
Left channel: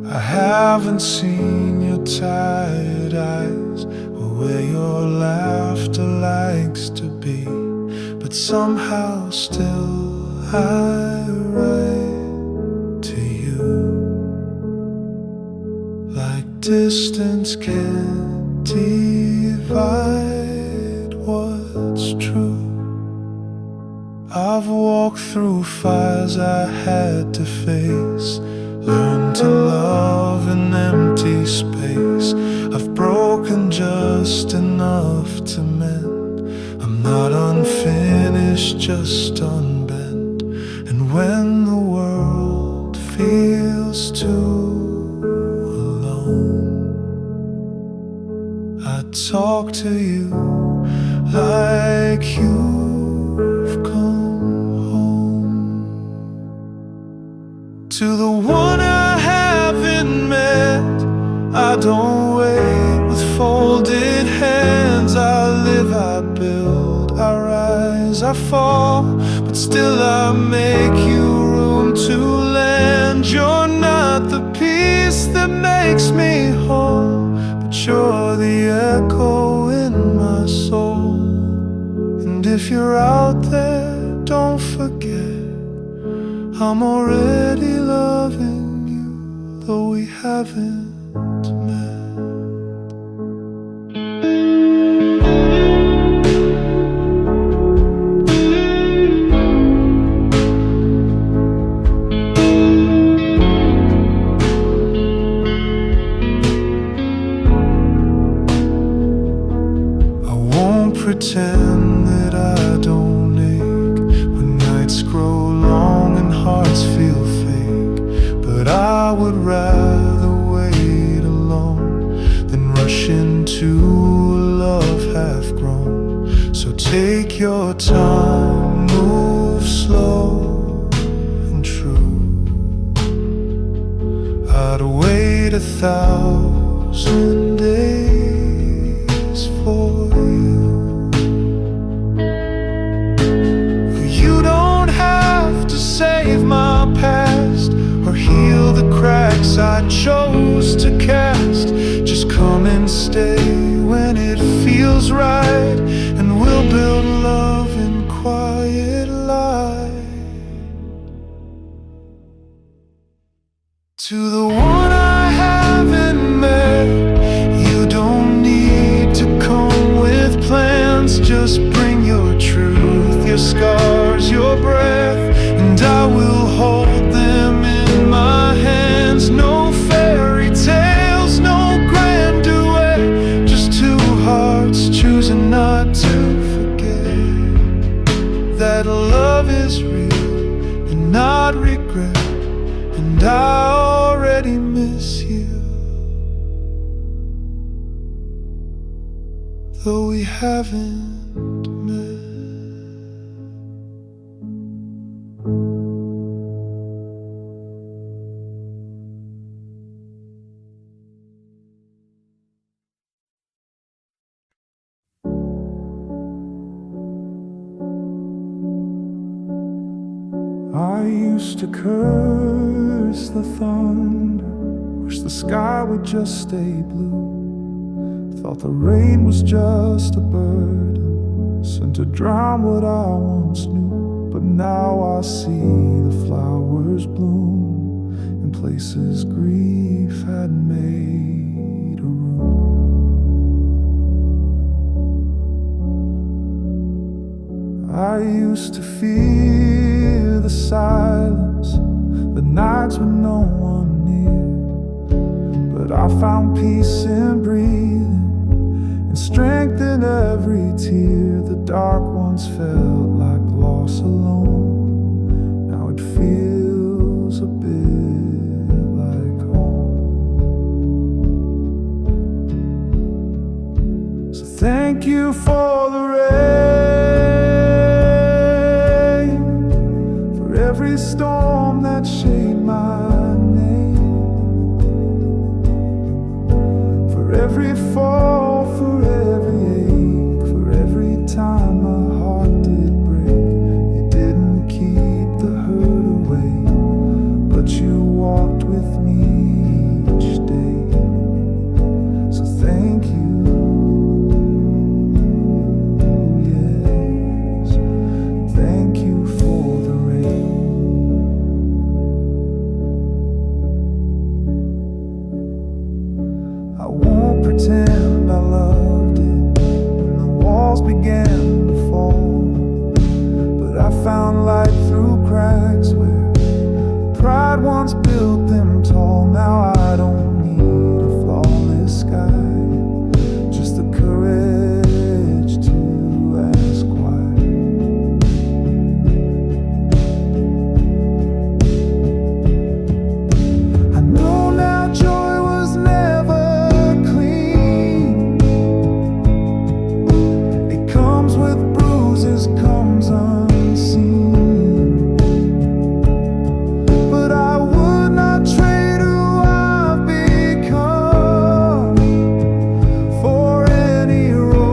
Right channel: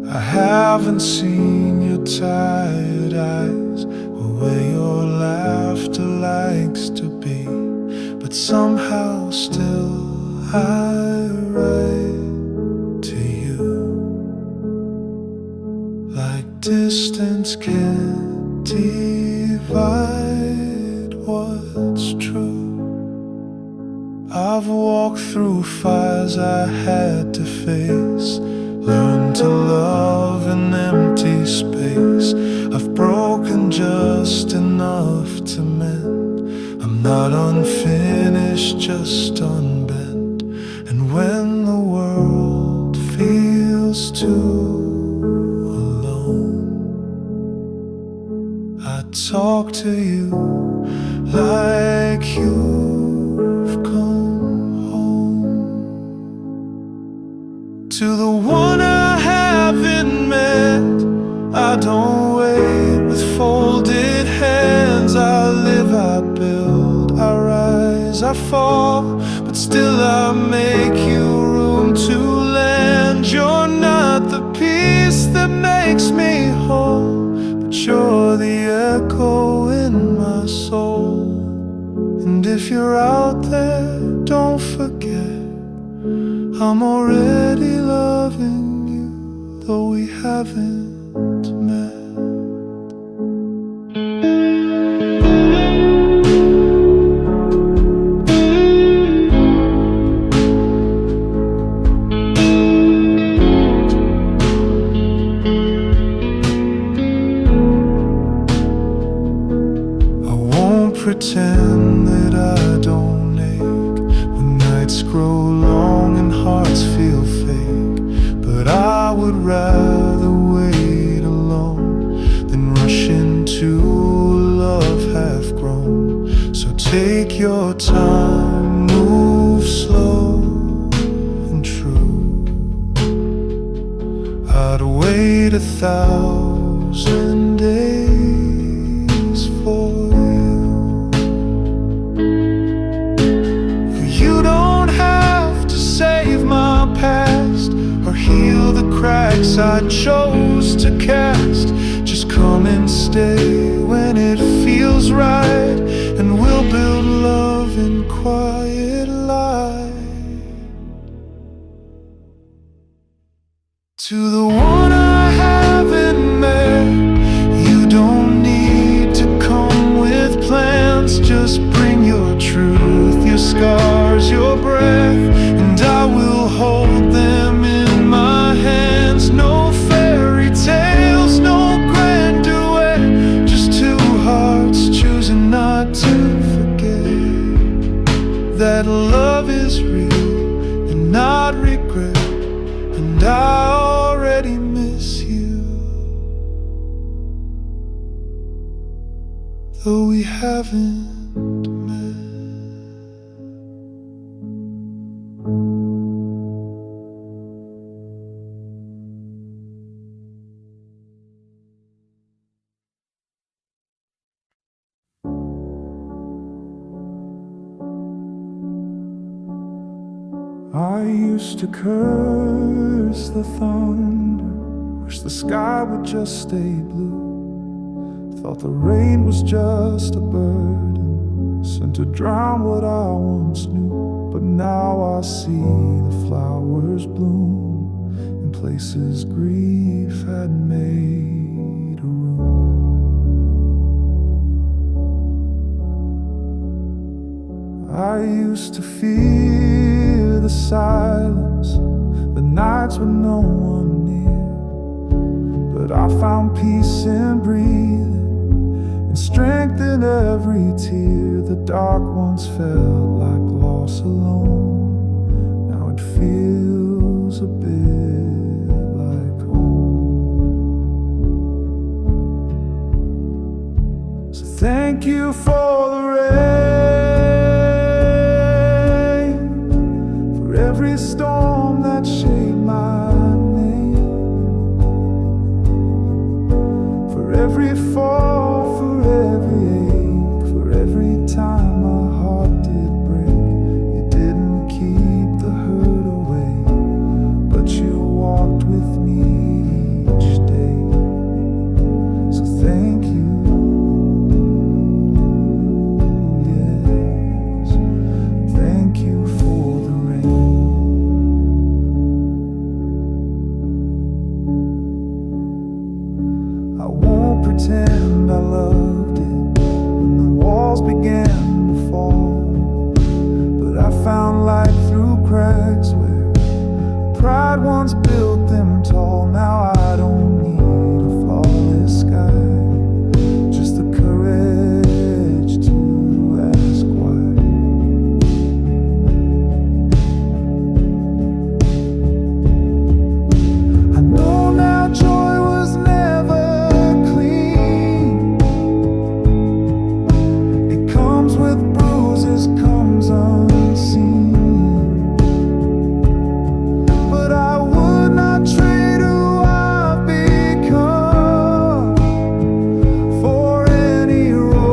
I haven't seen your tired eyes, or where your laughter likes to be. But somehow still I write to you, like distance can't divide what's true. I've walked through fires I had to face, learned to love in empty space. I've broken just enough to mend. I'm not unfinished, just unbent. And when the world feels too alone, I talk to you like you've come home. To the one I haven't met, I don't wait with folded hands. I live, I build, I rise, I fall, but still I make you room to land. You're not the piece that makes me whole, but you're the echo in my soul. And if you're out there, don't forget, I'm already loving you, though we haven't met. Nights grow long and hearts feel fake, but I would rather wait alone than rush into love half grown. So take your time, move slow and true. I'd wait 1,000 days for you. You don't have to save my past or heal the cracks I chose to cast. Just come and stay when it feels right, and we'll build love in quiet light. To the one I haven't met, you don't need to come with plans. Just bring your truth, your scars, your breath, and I will hold them in my hands. No fairy tales, no grand duet, just two hearts choosing not to forget that love is real and not regret. And I already miss you, though we haven't met. I used to curse the thunder, wish the sky would just stay blue. Thought the rain was just a burden sent to drown what I once knew. But now I see the flowers bloom in places grief had made a room. I used to fear the silence, the nights with no one near. But I found peace in breathing and strength in every tear. The dark once felt like loss alone, now it feels a bit like home. So thank you for the rain, for every storm that shaped my name, for every fall, for every ache, for every time my heart did break. You didn't keep the hurt away, but you walked with me each day. So thank you. Thank you for the rain. I won't pretend I loved it when the walls began to fall, but I found light through cracks where pride once built them tall. Now I don't need a flawless sky, just the courage to ask why. Joy was never clean. It comes with bruises, comes unseen. But I would not trade who I've become for any road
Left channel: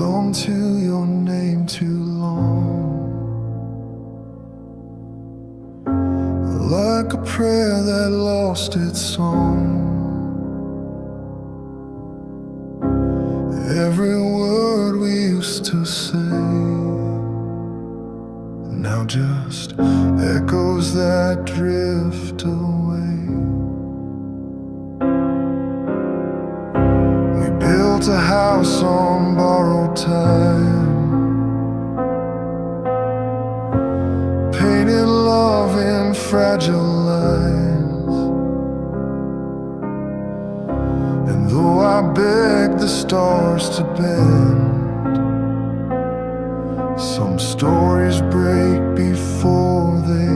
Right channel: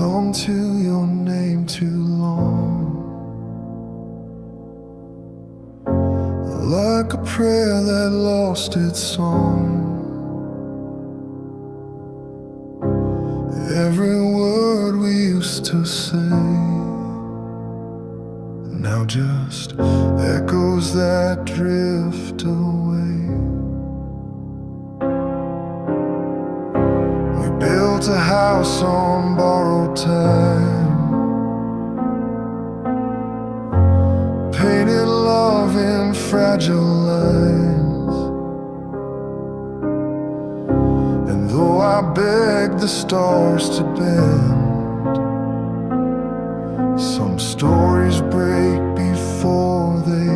held on to your name too long, like a prayer that lost its song. Every word we used to say now just echoes that drift away. We built a house on borrowed time, painted love in fragile lines. And though I begged the stars to bend, some stories break before they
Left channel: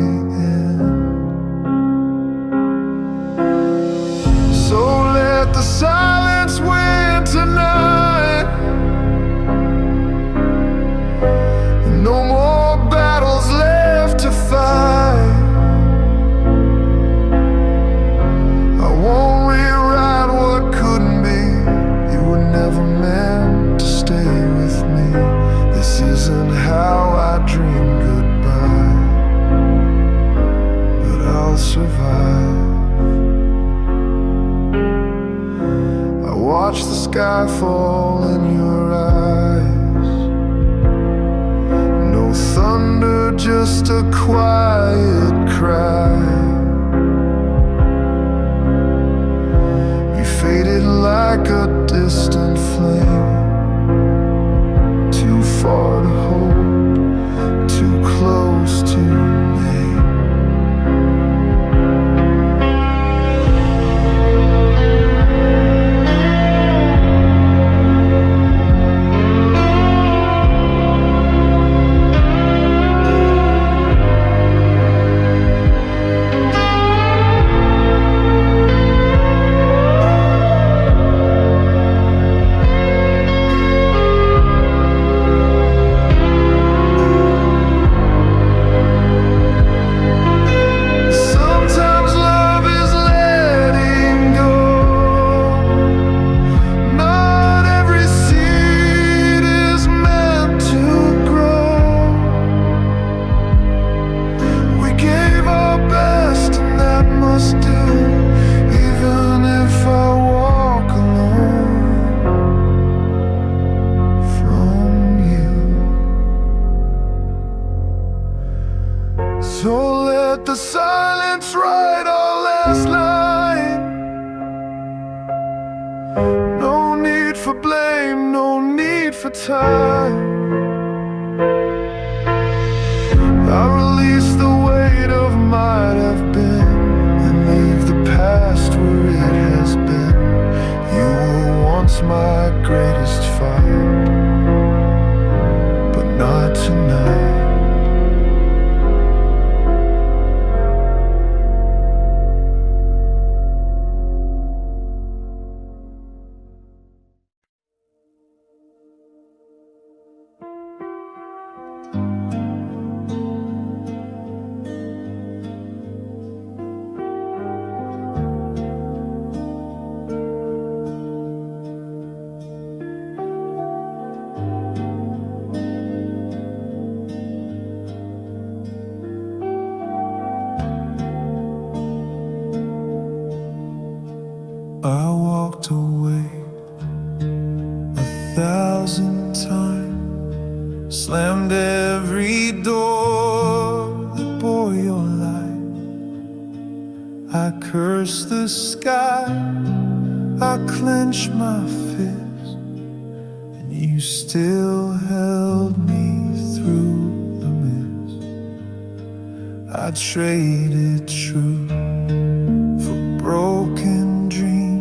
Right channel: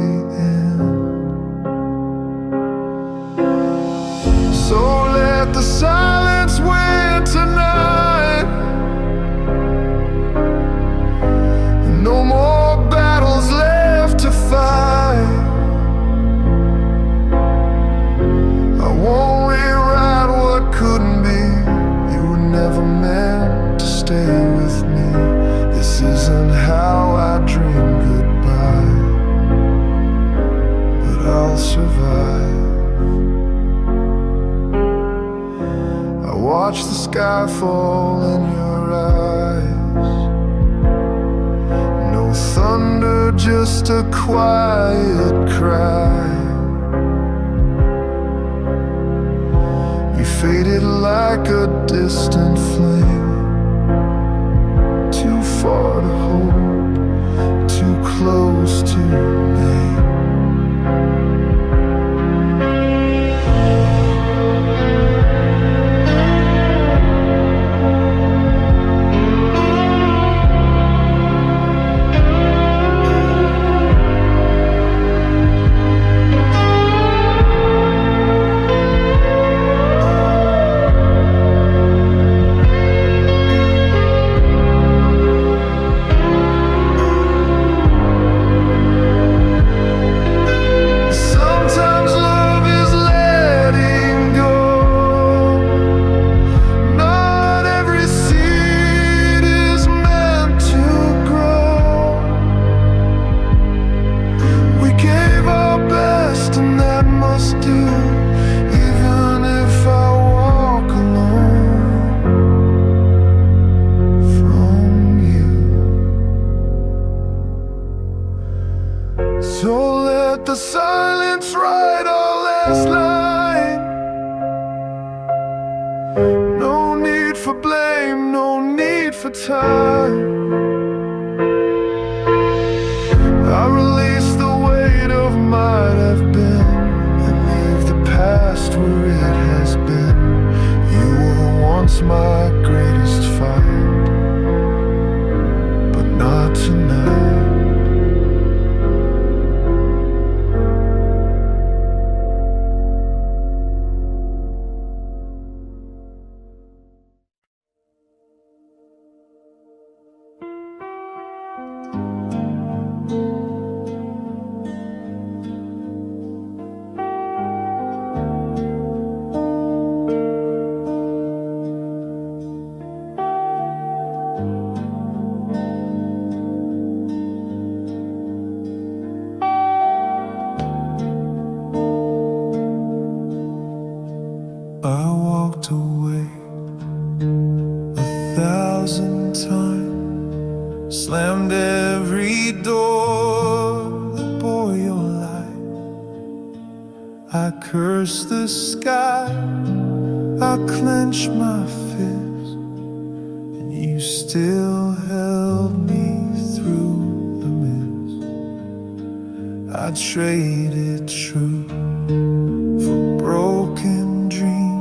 end. So let the silence win tonight. No more battles left to fight. I won't rewrite what couldn't be. You were never meant to stay with me. This isn't how I dream goodbye, but I'll survive. I watch the sky fall in your eyes. No thunder, just a quiet cry. You faded like a distant flame, too far to hold, too close to name. Do, even if I walk alone from you. So let the silence write our last line. No need for blame, no need for time. I release the weight of might have been, the past where it has been. You were once my greatest fight, but not tonight. I walked away 1,000 times, slammed every door that bore your light. I cursed the sky, I clenched my fist, and you still held me through the mist. I traded truth for broken dreams,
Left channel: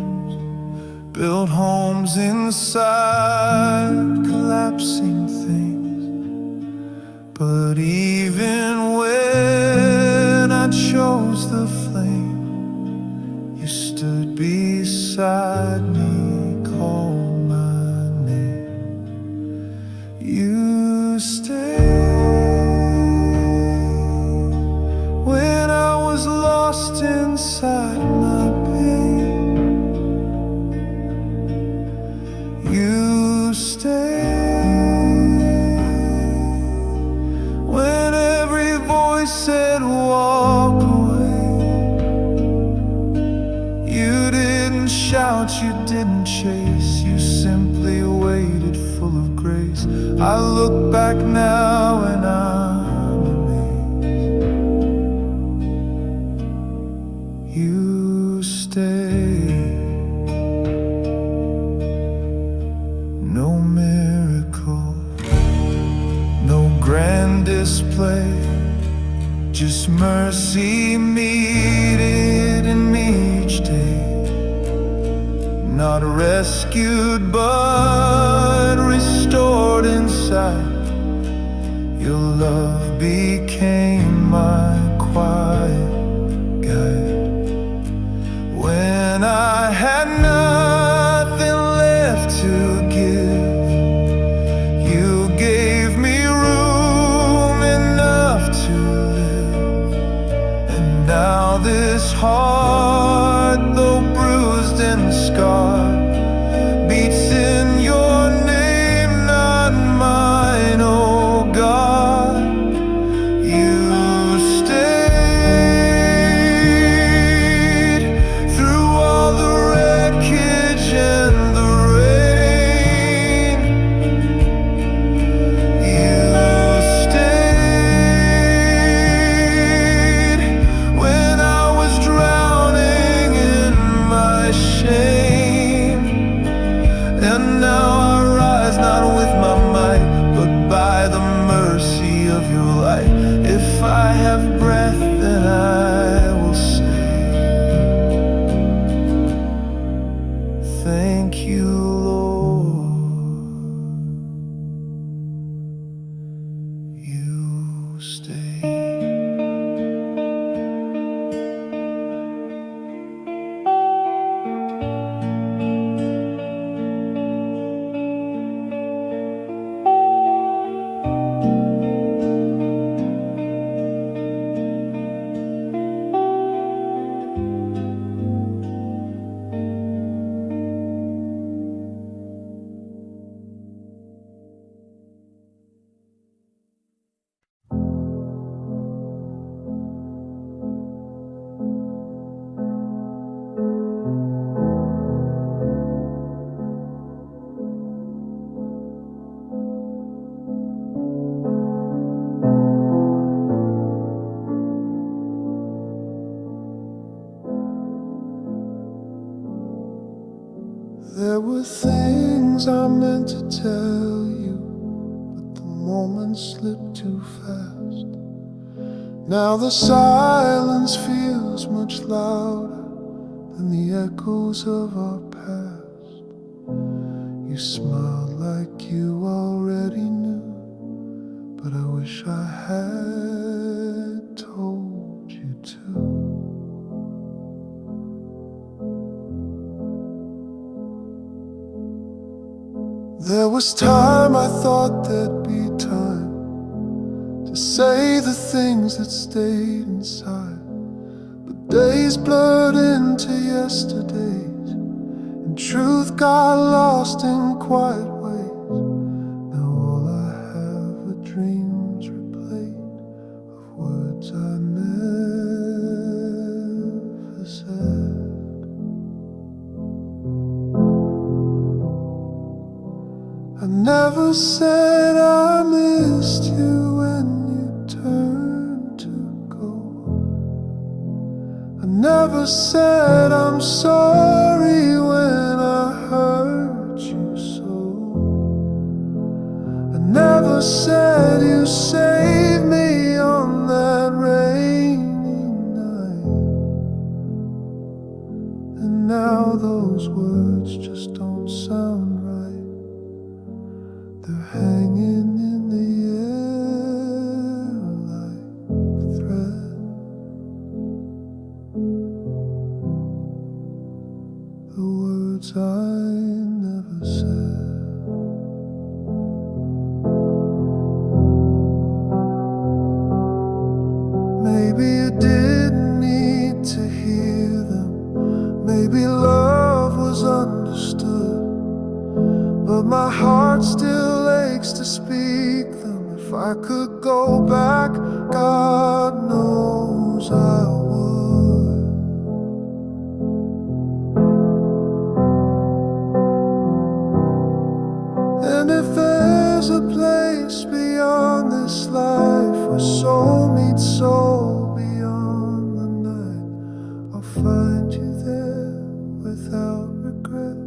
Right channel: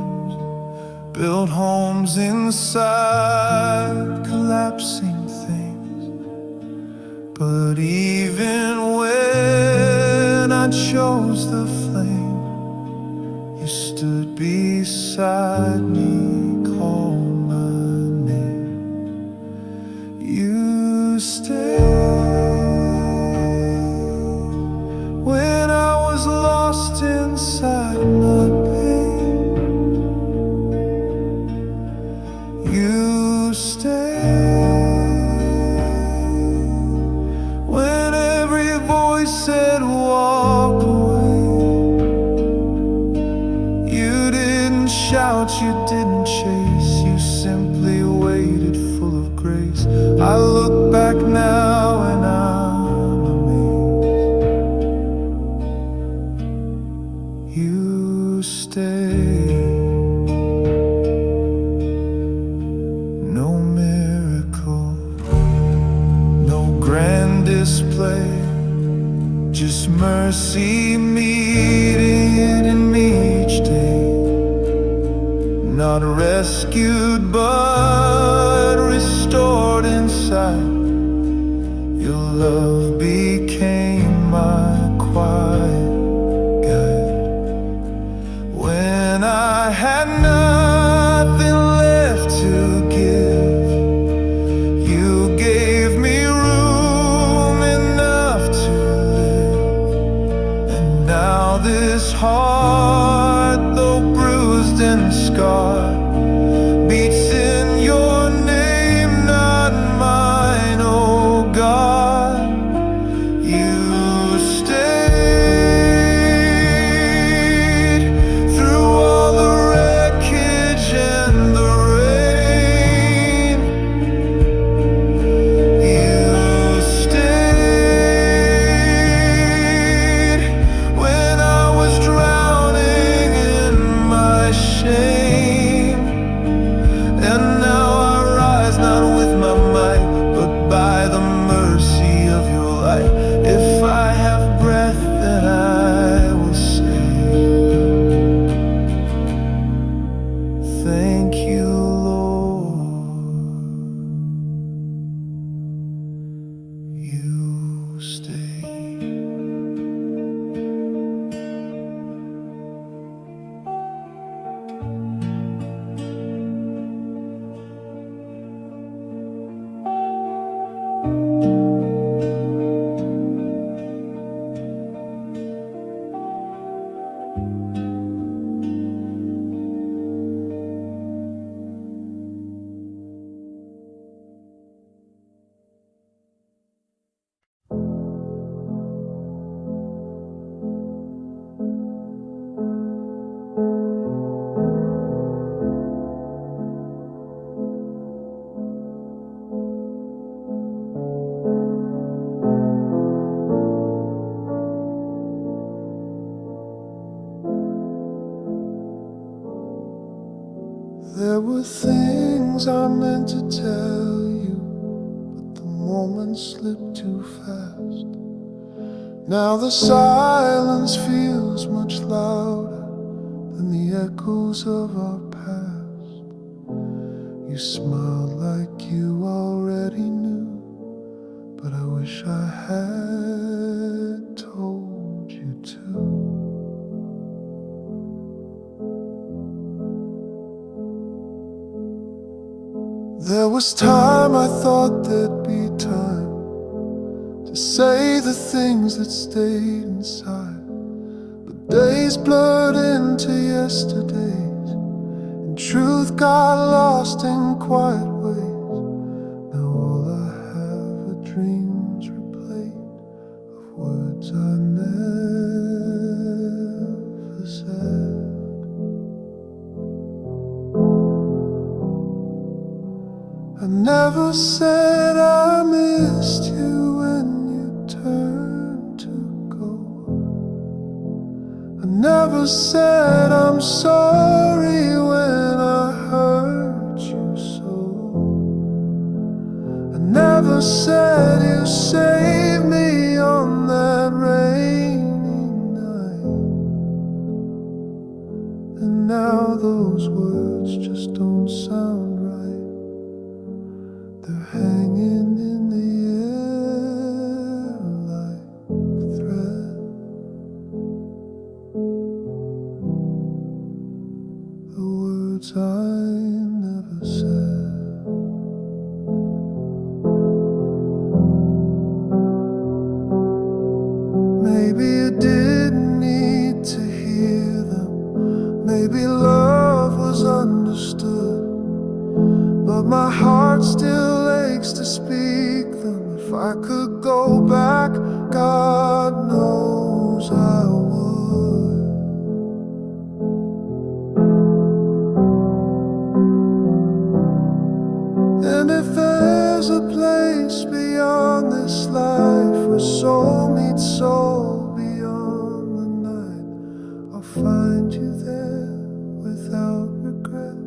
built homes inside collapsing things. But even when I chose the flame, you stood beside me, called my name. You stayed when I was lost inside my pain. You stayed didn't shout, you didn't chase, you simply waited full of grace. I look back now and I'm amazed. You stayed. No miracle, no grand display, just mercy meeting me each day. Not rescued but restored inside. Your love became my quiet guide. When I had nothing left to give, you gave me room enough to live. And now this heart, though bruised and scarred, beats in your name, not mine, oh God. You stayed through all the wreckage and the rain. You stayed when I was drowning in my shame. And now I rise not with my might, but by the mercy of your light. If I have breath, then I will say, thank you, Lord. You stay. There were things I meant to tell you, but the moment slipped too fast. Now the silence feels much louder than the echoes of our past. You smiled like you already knew, but I wish I had told you to. There was time I thought there'd be time to say the things that stayed inside, but days blurred into yesterdays, and truth got lost in quiet ways. Now all I have are dreams replayed of words I never said. I never said I missed you when you turned to go. I never said I'm sorry when I hurt you so. I never said you saved me on that rainy night. And now those words just don't sound right. They're hanging in the air like thread. The words I never said. Maybe you didn't need to hear them. Maybe love was understood, but my heart still aches to speak them. If I could go back, God knows I would. there's a place beyond this life where soul meets soul beyond the night, I'll find you there without regret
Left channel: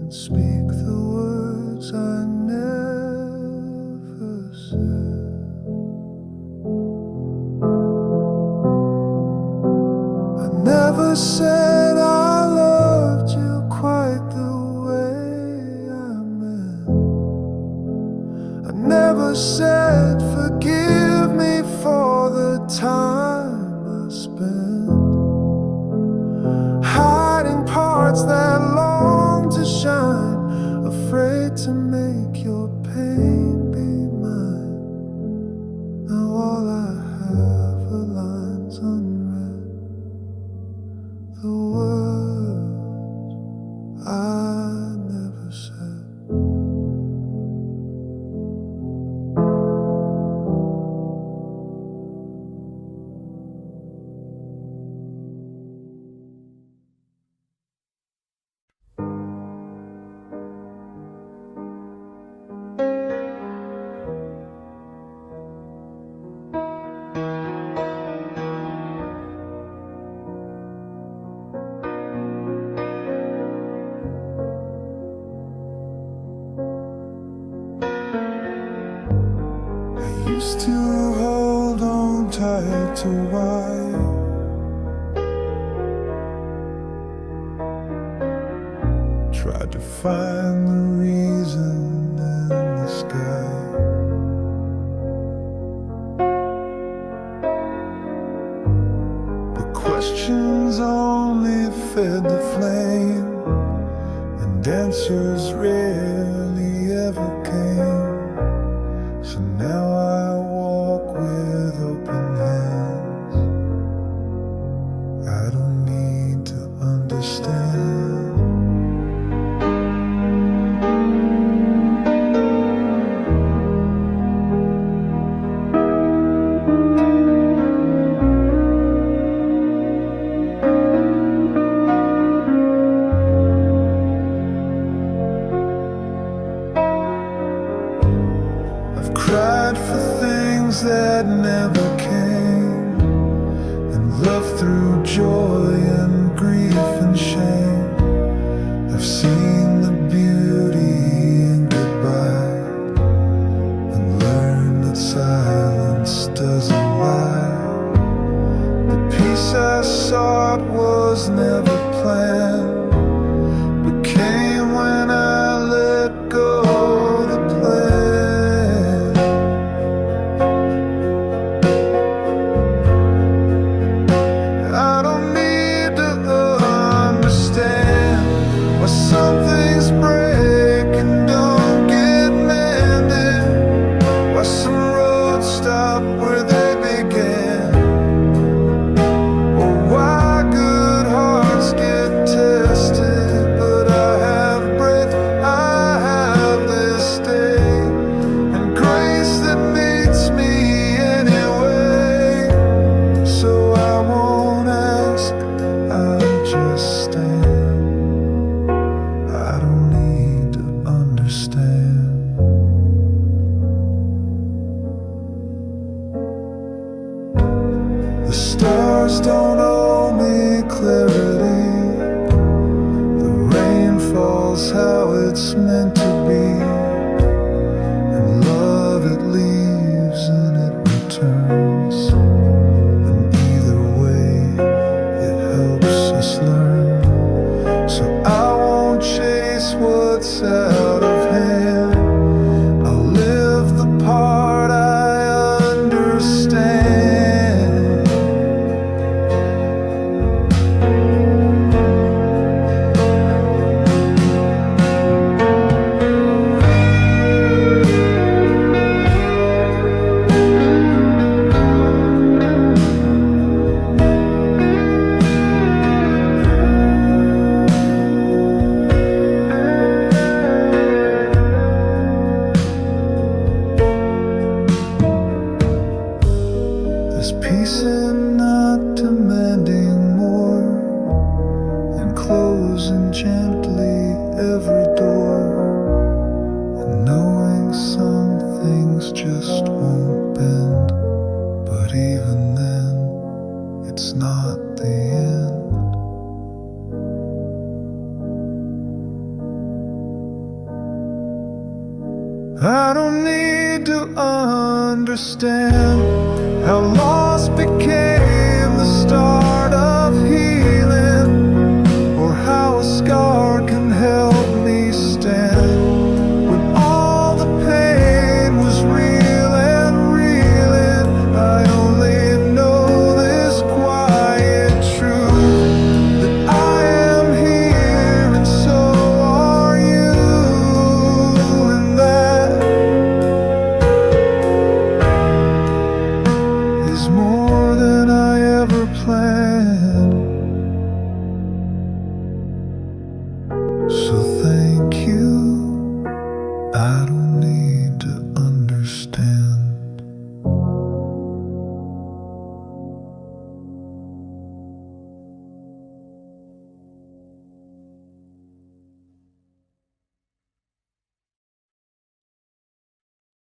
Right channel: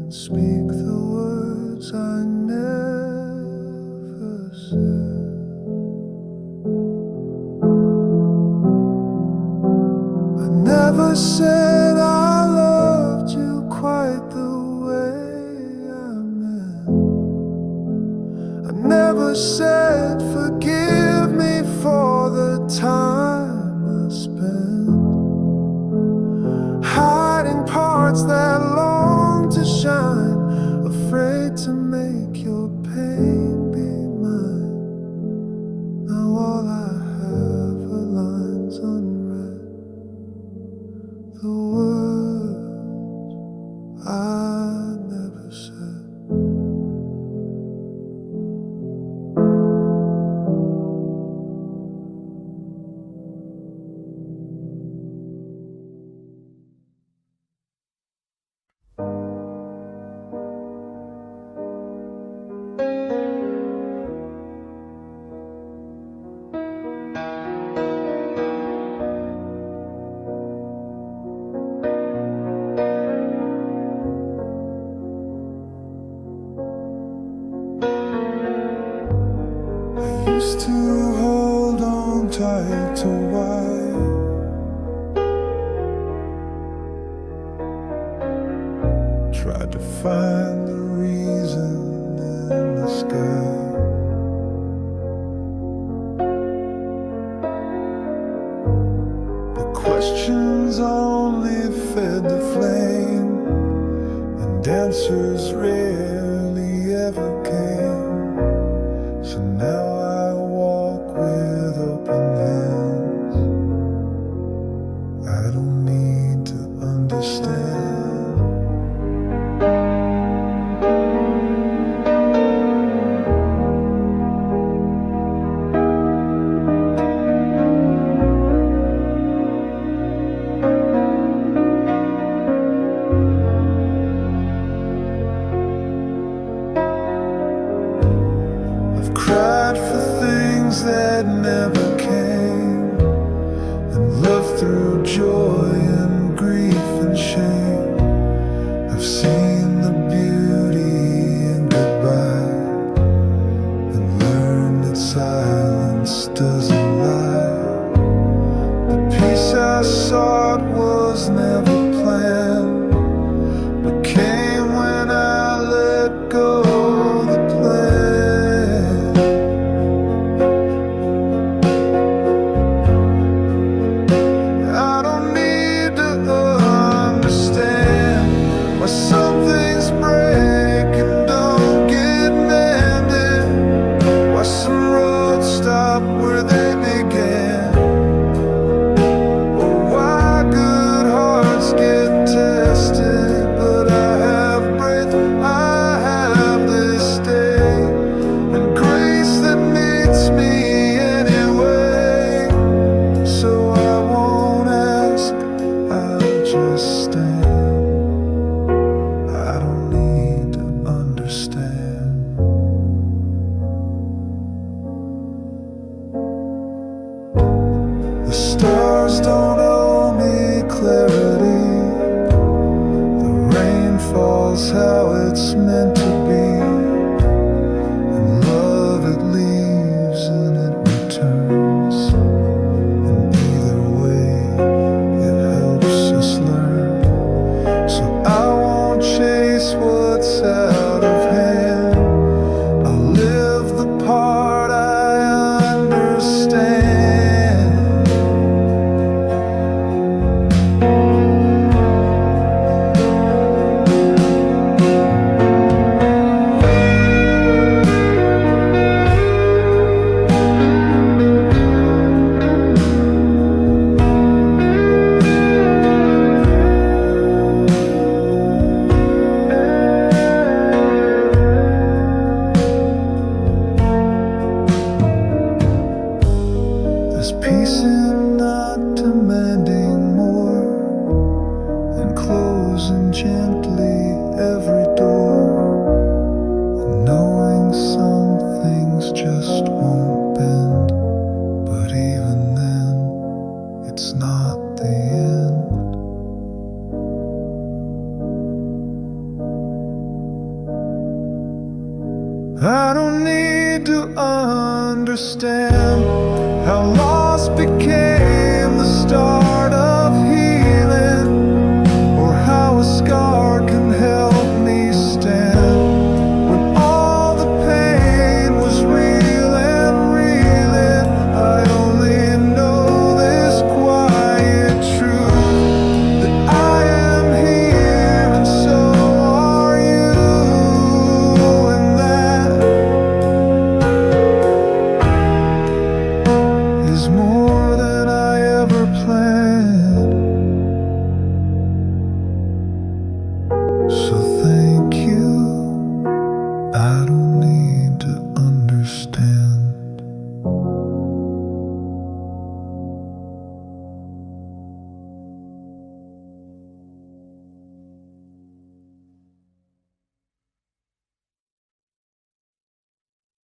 and speak the words I never said. I never said I loved you quite the way I meant. I never said forgive me for the time I spent hiding parts that long to shine, afraid to make your pain be mine. Now all I have are lines unread, the words I never said. Used to hold on tight to wire, tried to find the reason in the sky. But questions only fed the flame, and answers rarely ever came. So now I walk with open hands. I don't need to understand. Cried for things that never came, and loved through joy and grief and shame. I've seen the beauty in goodbye, and learned that silence doesn't lie. The peace I sought was never planned, but came when I let go the plan. I don't need to understand why some things break and don't get mended, why some roads stop where they began, or why good hearts get tested. But I have breath, I have this day, and grace that meets me anyway. So I won't ask, I'll just stand. I don't need to understand. The stars don't owe me clarity, the rain falls how it's meant to be, and love it leaves and it returns, and either way it helps us learn. So I won't chase what's out of hand, I'll live the part I understand. I don't need to understand how loss became the start of healing, or how a scar can help me stand.